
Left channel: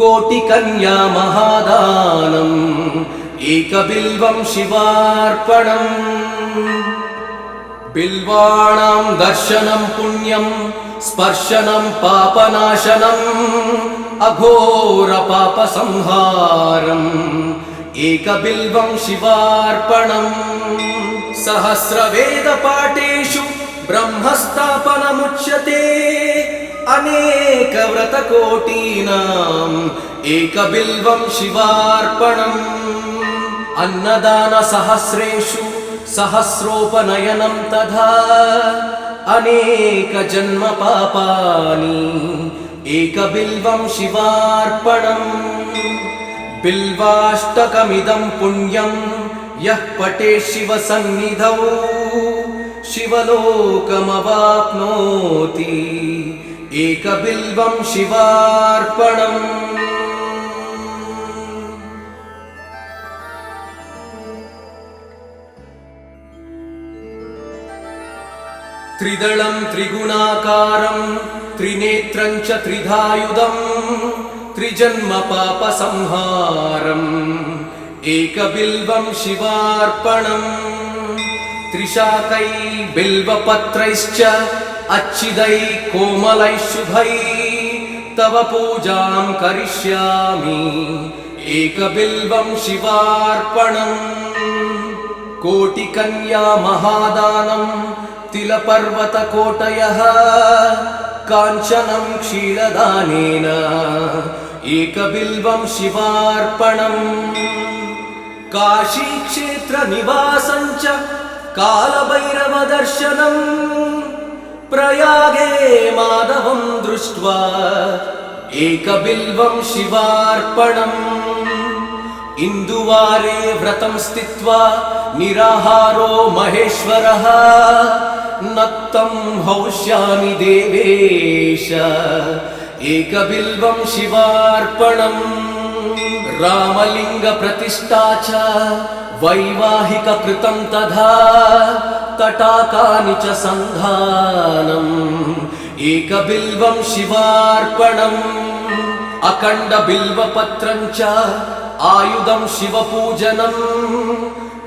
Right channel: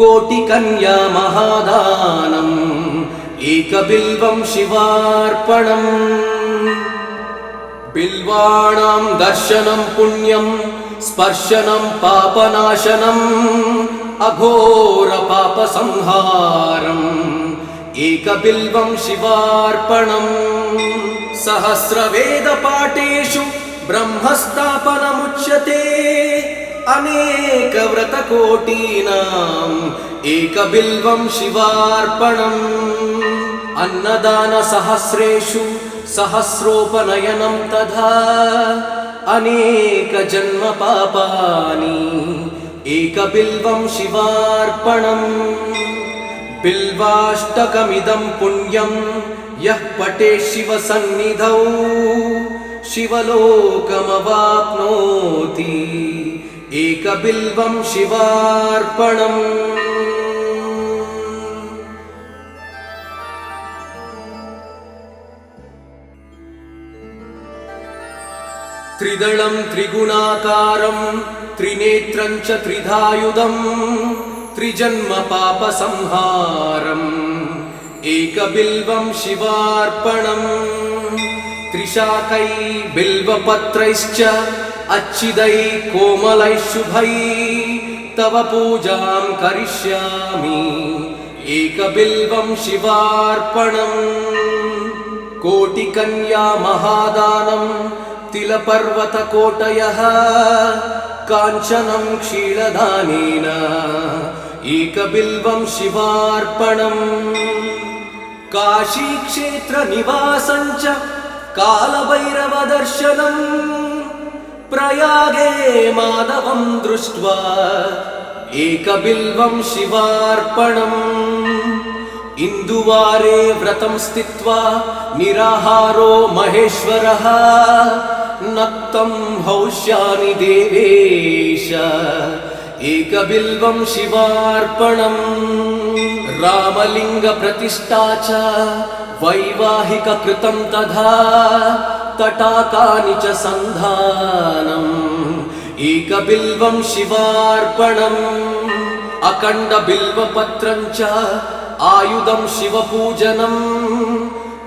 कोटिकन्या महादानम् एकबिल्वं शिवार्पणम् बिल्वाणां दर्शनं पुण्यं स्पर्शनं पापनाशनम् अघोरपापसंहारम् एकबिल्वं शिवार्पणम् सहस्रवेदपाठेषु ब्रह्मस्थापनमुच्यते अनेकव्रतकोटीनाम् एकबिल्वं शिवार्पणम् अन्नदानसहस्रेषु सहस्रोपनयनं तथा अनेकजन्मपापानि एकबिल्वं शिवार्पणम् बिल्वाष्टकमिदं पुण्यं यः पठेत् शिवसन्निधौ शिवलोकमवाप्नोति एकबिल्वं शिवार्पणम् त्रिदलं त्रिगुणाकारं त्रिनेत्रं च त्रिधायुधं त्रिजन्मपापसंहारम् एकबिल्वं शिवार्पणम् त्रिशाकै बिल्वपत्रैश्च अच्छिदै कोमलै शुभै तव पूजां करिष्यामि एकबिल्वं शिवार्पणम् कोटिकन्या महादानं तिलपर्वतकोटयः काञ्चनं क्षीरदानेन एकबिल्वं शिवार्पणम् काशीक्षेत्रनिवासं च कालभैरवदर्शनम् प्रयागे माधवं दृष्ट्वा एकबिल्वं शिवार्पणम् इन्दुवारे व्रतं स्थित्वा निराहारो महेश्वरः नक्तं हौष्यामि देवेश एकबिल्वं शिवार्पणम् रामलिङ्गप्रतिष्ठा च वैवाहिककृतं तथा तटाकानि च सन्धानम् एकबिल्वं शिवार्पणम् अखण्डबिल्वपत्रं च आयुधं शिवपूजनम्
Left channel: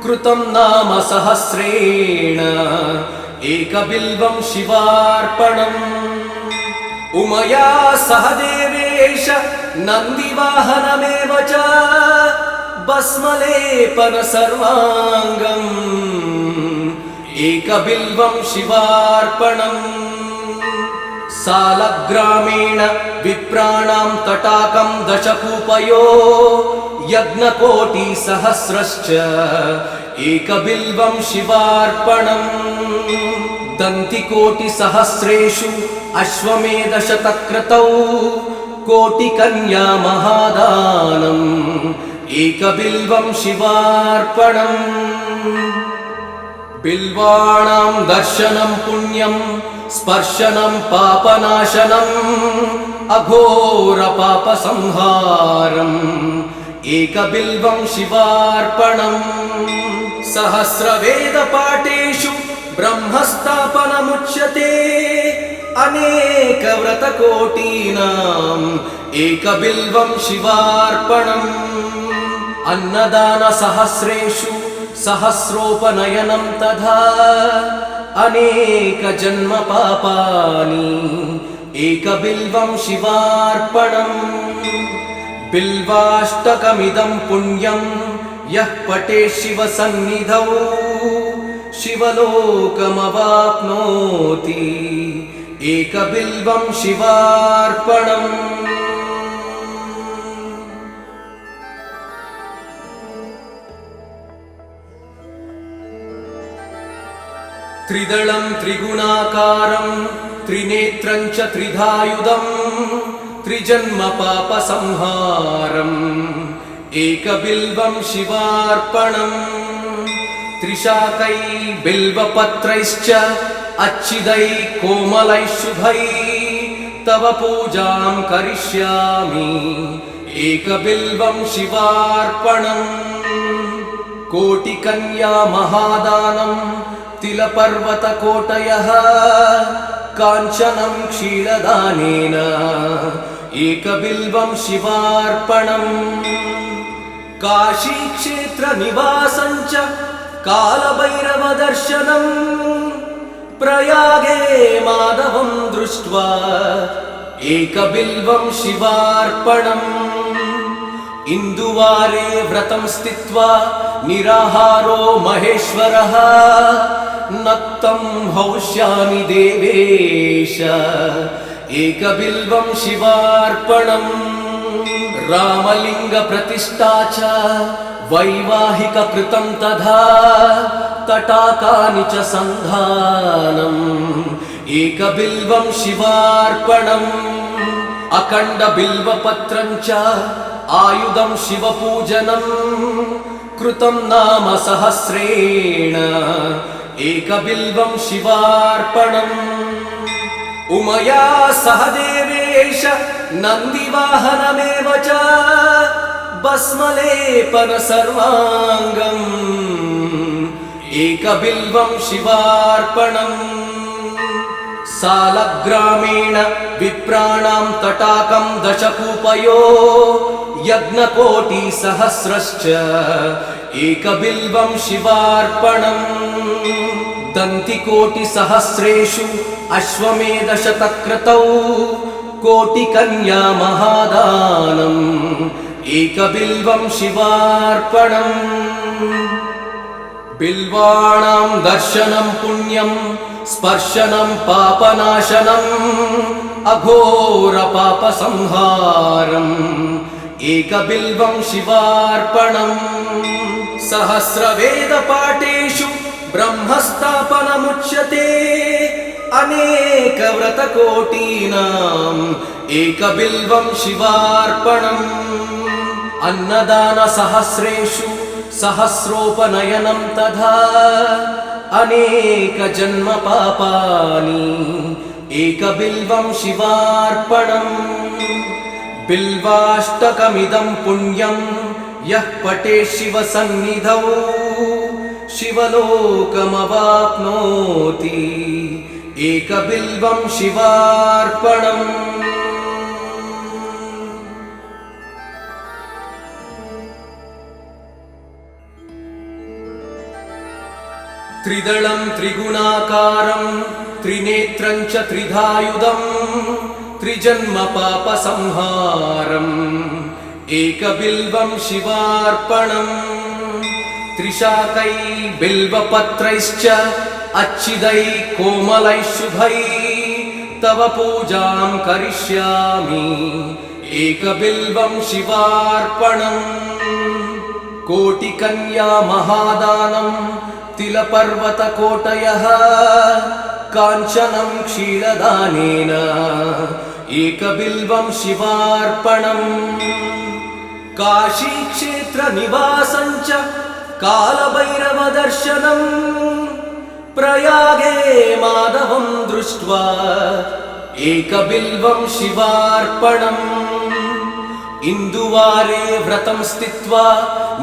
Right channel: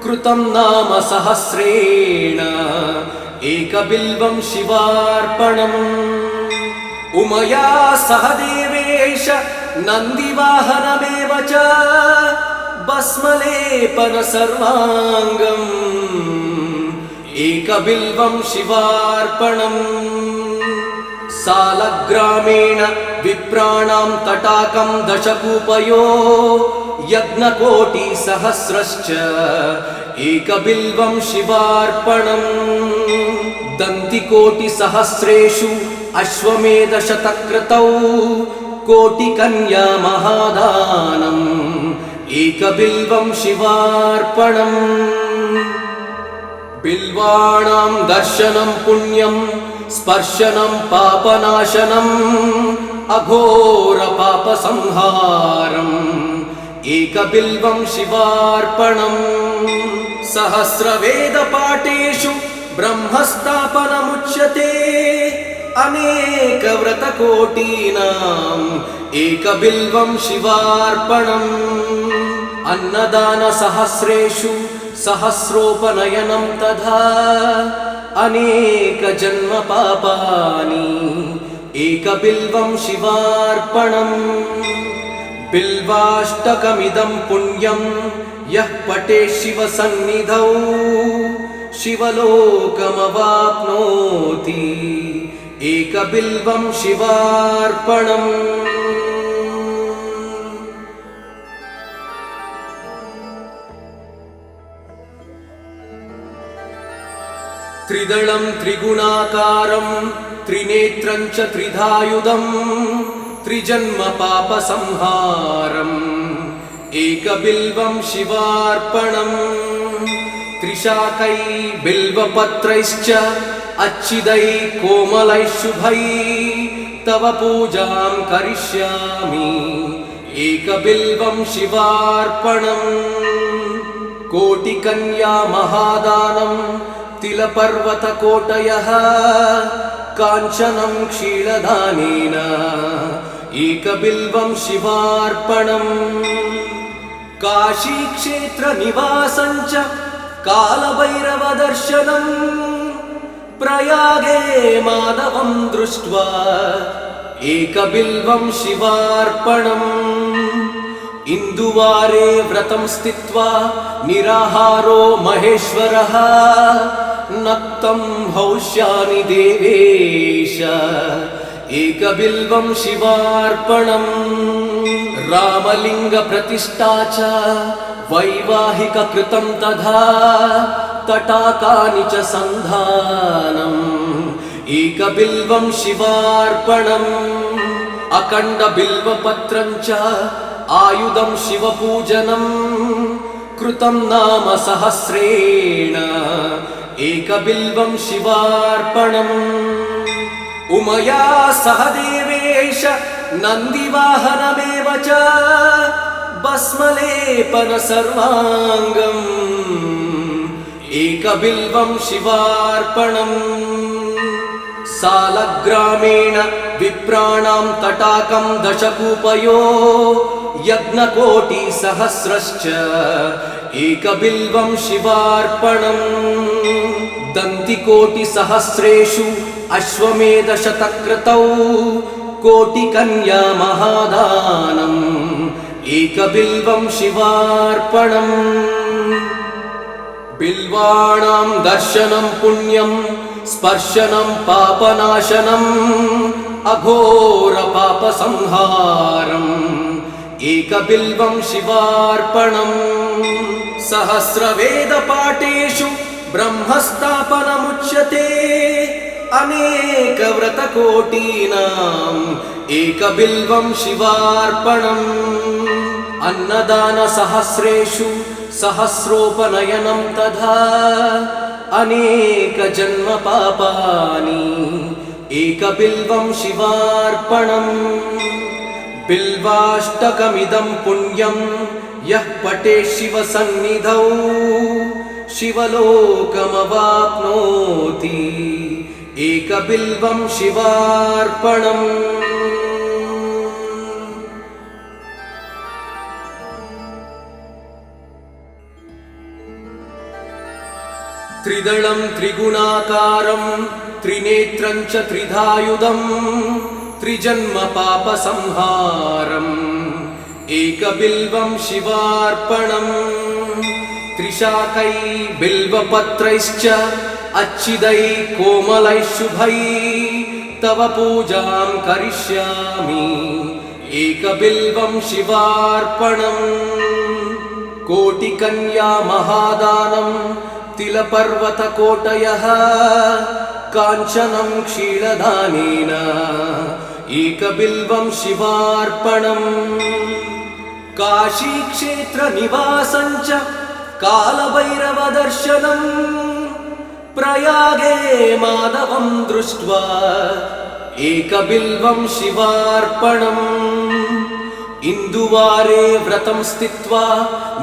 कृतं नाम सहस्रेण एकबिल्वं शिवार्पणम् उमया सह देवेश नन्दिवाहनमेव च भस्मलेपन सर्वाङ्गम् एकबिल्वं शिवार्पणम् सालग्रामेण विप्राणां तटाकं दशकूपयो यज्ञकोटिसहस्रश्च एकबिल्वं शिवार्पणम् दन्तिकोटिसहस्रेषु अश्वमेधशतक्रतौ कोटिकन्या महादानम् एकबिल्वं शिवार्पणम् बिल्वाणां दर्शनं पुण्यं स्पर्शनं पापनाशनम् अघोरपापसंहारम् एकबिल्वं शिवार्पणम् सहस्रवेदपाठेषु ब्रह्मस्थापनमुच्यते अनेकव्रतकोटीनाम् एकबिल्वं शिवार्पणम् अन्नदानसहस्रेषु सहस्रोपनयनं तथा अनेकजन्मपापानि एकबिल्वं शिवार्पणम् बिल्वाष्टकमिदं पुण्यं यः पठेत् शिवसन्निधौ शिवलोकमवाप्नोति एकबिल्वं शिवार्पणम् त्रिदलं त्रिगुणाकारं त्रिनेत्रं च त्रिधायुधं त्रिजन्मपापसंहारम् एकबिल्वं शिवार्पणम् त्रिशाकै बिल्वपत्रैश्च अच्छिदै कोमलैः शुभै तव पूजां करिष्यामि एकबिल्वं शिवार्पणम् कोटिकन्या महादानं तिलपर्वतकोटयः काञ्चनं क्षीरदानेन एकबिल्वं शिवार्पणम् काशीक्षेत्रनिवासं च कालभैरवदर्शनम् प्रयागे माधवं दृष्ट्वा एकबिल्वं शिवार्पणम् इन्दुवारे व्रतं स्थित्वा निराहारो महेश्वरः नक्तं हौष्यामि देवेश एकबिल्वं शिवार्पणम् रामलिङ्गप्रतिष्ठा च वैवाहिककृतं तथा तटाकानि च सन्धानम् एकबिल्वं शिवार्पणम् अखण्डबिल्वपत्रं च आयुधं शिवपूजनं कृतं नाम सहस्रेण एकबिल्वं शिवार्पणम् उमया सह देवेश नन्दिवाहनमेव च भस्मलेपन सर्वाङ्गम् एकबिल्वं शिवार्पणम् सालग्रामेण विप्राणां तटाकं दशकूपयो यज्ञकोटिसहस्रश्च एकबिल्वं शिवार्पणम् दन्तिकोटिसहस्रेषु अश्वमेधशतक्रतौ कोटिकन्या महादानम् एकबिल्वं शिवार्पणम् बिल्वाणां दर्शनं पुण्यं स्पर्शनं पापनाशनम् अघोरपापसंहारम् एकबिल्वं शिवार्पणम् सहस्रवेदपाठेषु ब्रह्मस्थापनमुच्यते अनेकव्रतकोटीनाम् एकबिल्वं शिवार्पणम् अन्नदानसहस्रेषु सहस्रोपनयनं तथा अनेकजन्मपापानि एकबिल्वं शिवार्पणम् बिल्वाष्टकमिदं पुण्यं यः पठेत् शिवसन्निधौ शिवलोकमवाप्नोति एकबिल्वं शिवार्पणम् त्रिदलं त्रिगुणाकारं त्रिनेत्रं च त्रिधायुधं त्रिजन्मपापसंहारम् एकबिल्वं शिवार्पणम् त्रिशाकै बिल्वपत्रैश्च अच्छिदै कोमलैः शुभै तव पूजां करिष्यामि एकबिल्वं शिवार्पणम् कोटिकन्या महादानं तिलपर्वतकोटयः काञ्चनं क्षीरदानेन एकबिल्वं शिवार्पणम् काशीक्षेत्रनिवासं च कालभैरवदर्शनम् प्रयागे माधवं दृष्ट्वा एकबिल्वं शिवार्पणम् इन्दुवारे व्रतं स्थित्वा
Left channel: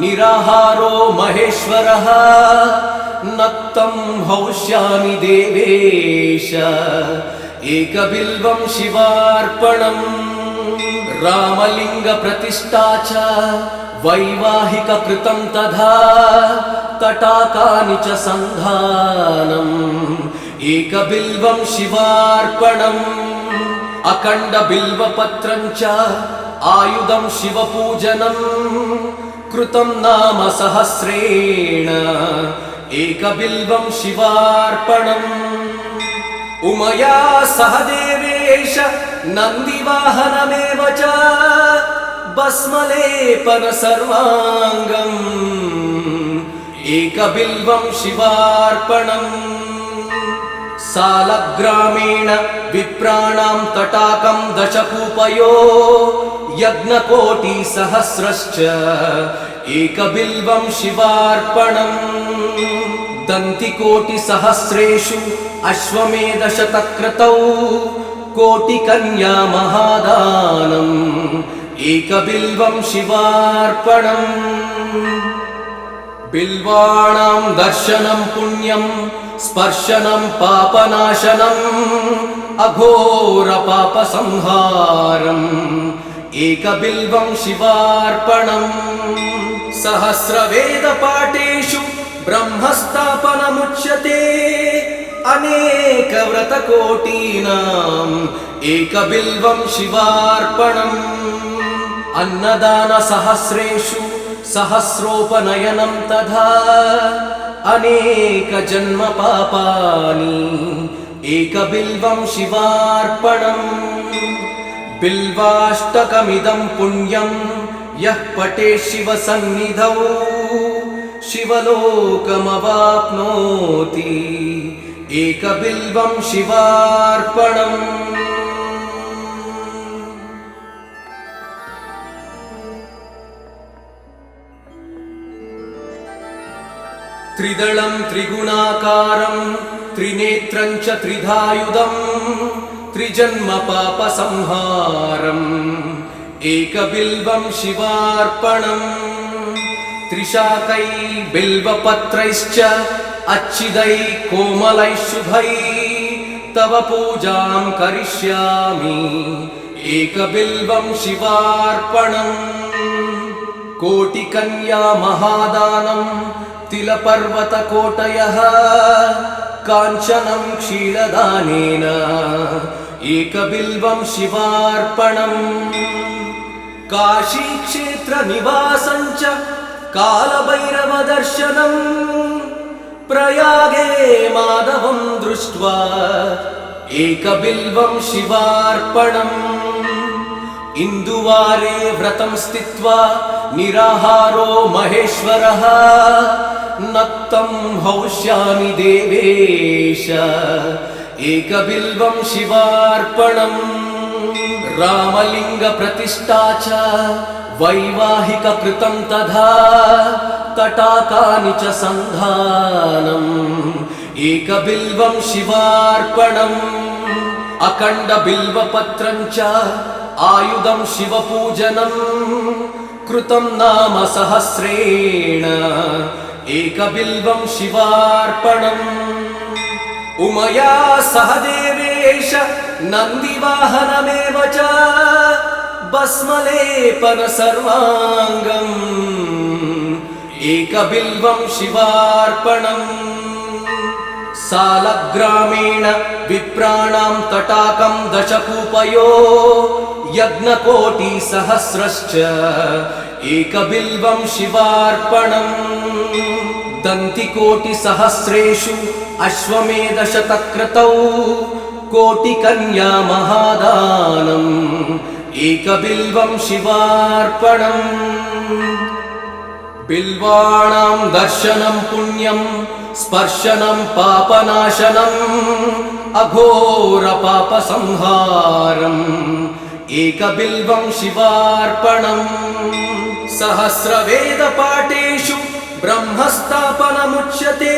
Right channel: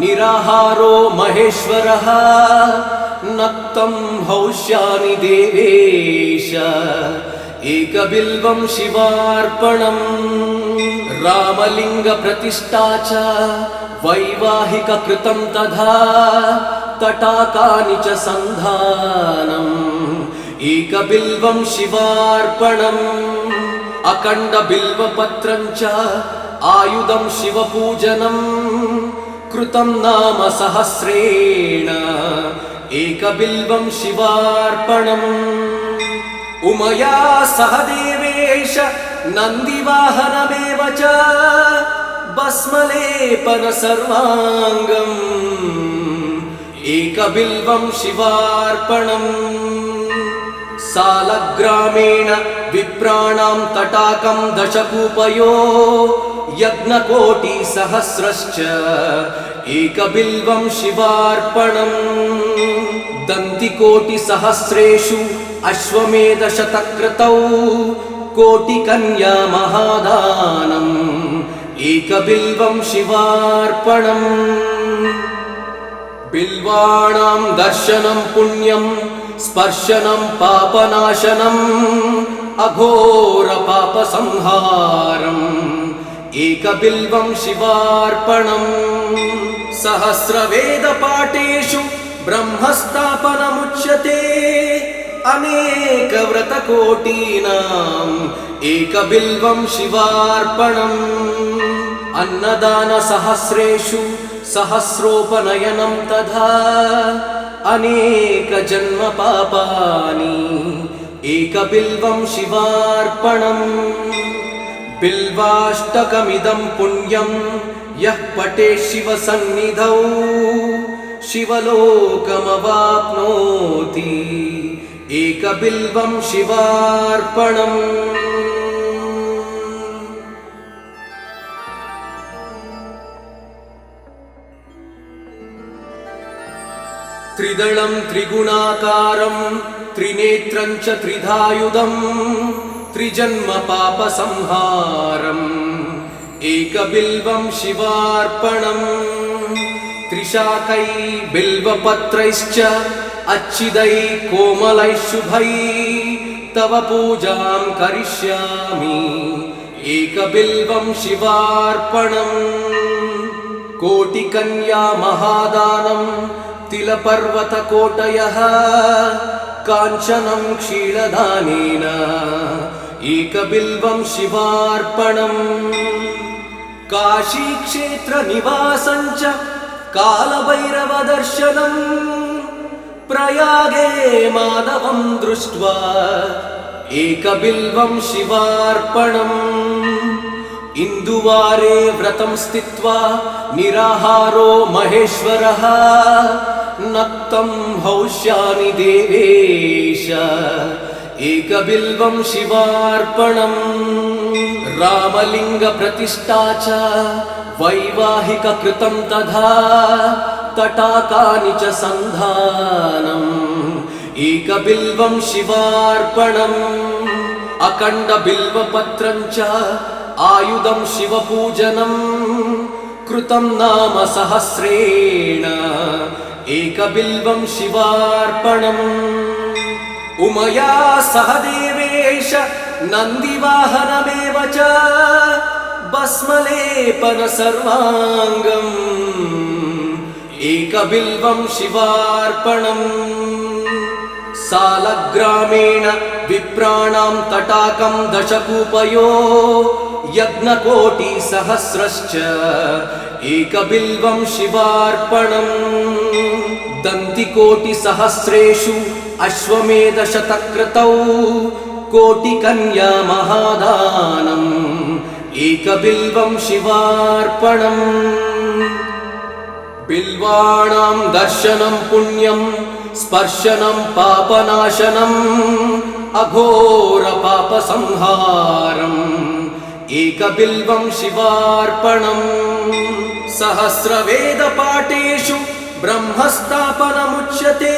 निराहारो महेश्वरः नक्तं हौष्यामि देवेश एकबिल्वं शिवार्पणम् रामलिङ्गप्रतिष्ठा च वैवाहिककृतं तथा तटाकानि च सन्धानम् एकबिल्वं शिवार्पणम् अखण्डबिल्वपत्रं च आयुधं शिवपूजनम् कृतं नाम सहस्रेण एकबिल्वं शिवार्पणम् उमया सह देवेश नन्दिवाहनमेव च भस्मलेपन सर्वाङ्गम् एकबिल्वं शिवार्पणम् सालग्रामेण विप्राणां तटाकं दशकूपयो यज्ञकोटिसहस्रश्च एकबिल्वं शिवार्पणम् दन्तिकोटिसहस्रेषु अश्वमेधशतक्रतौ कोटिकन्या महादानम् एकबिल्वं शिवार्पणम् बिल्वाणां दर्शनं पुण्यं स्पर्शनं पापनाशनम् अघोरपापसंहारम् एकबिल्वं शिवार्पणम् सहस्रवेदपाठेषु ब्रह्मस्थापनमुच्यते अनेकव्रतकोटीनाम् एकबिल्वं शिवार्पणम् अन्नदानसहस्रेषु सहस्रोपनयनं तथा अनेकजन्मपापानि एकबिल्वं शिवार्पणम् बिल्वाष्टकमिदं पुण्यं यः पठेत् शिवसन्निधौ शिवलोकमवाप्नोति एकबिल्वं शिवार्पणम् त्रिदलं त्रिगुणाकारं त्रिनेत्रं च त्रिधायुधं त्रिजन्मपापसंहारम् एकबिल्वं शिवार्पणम् त्रिशाकै बिल्वपत्रैश्च अच्छिदै कोमलै शुभै तव पूजां करिष्यामि एकबिल्वं शिवार्पणम् कोटिकन्या महादानं तिलपर्वतकोटयः काञ्चनं क्षीरदानेन एकबिल्वं शिवार्पणम् काशीक्षेत्रनिवासं च कालभैरवदर्शनम् प्रयागे माधवं दृष्ट्वा एकबिल्वं शिवार्पणम् इन्दुवारे व्रतं स्थित्वा निराहारो महेश्वरः नक्तं हौष्यामि देवेश एकबिल्वं शिवार्पणम् रामलिङ्गप्रतिष्ठा च वैवाहिककृतं तथा तटाकानि च सन्धानम् एकबिल्वं शिवार्पणम् अखण्डबिल्वपत्रं च आयुधं शिवपूजनम् कृतं नाम सहस्रेण एकबिल्वं शिवार्पणम् उमया सह देवेश नन्दिवाहनमेव च भस्मलेपन सर्वाङ्गम् एकबिल्वं शिवार्पणम् सालग्रामेण विप्राणां तटाकं दशकूपयो यज्ञकोटिसहस्रश्च एकबिल्वं शिवार्पणम् दन्तिकोटिसहस्रेषु अश्वमेधशतक्रतौ कोटिकन्या महादानम् एकबिल्वं शिवार्पणम् बिल्वाणां दर्शनं पुण्यं स्पर्शनं पापनाशनम् अघोरपापसंहारम् एकबिल्वं शिवार्पणम् सहस्रवेदपाठेषु ब्रह्मस्थापनमुच्यते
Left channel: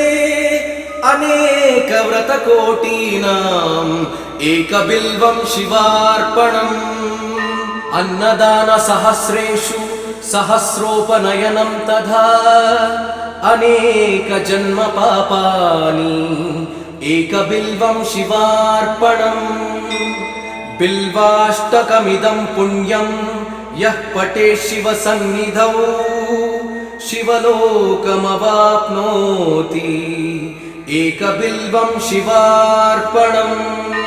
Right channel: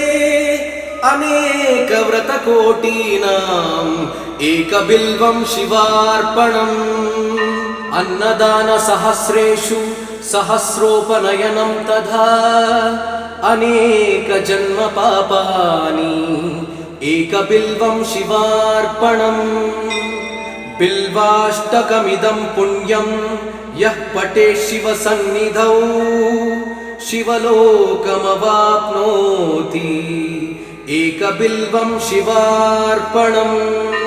अनेकव्रतकोटीनाम् एकबिल्वं शिवार्पणम् अन्नदानसहस्रेषु सहस्रोपनयनं तथा अनेकजन्मपापानि एकबिल्वं शिवार्पणम् बिल्वाष्टकमिदं पुण्यं यः पठेत् शिवसन्निधौ शिवलोकमवाप्नोति एकबिल्वं शिवार्पणम्।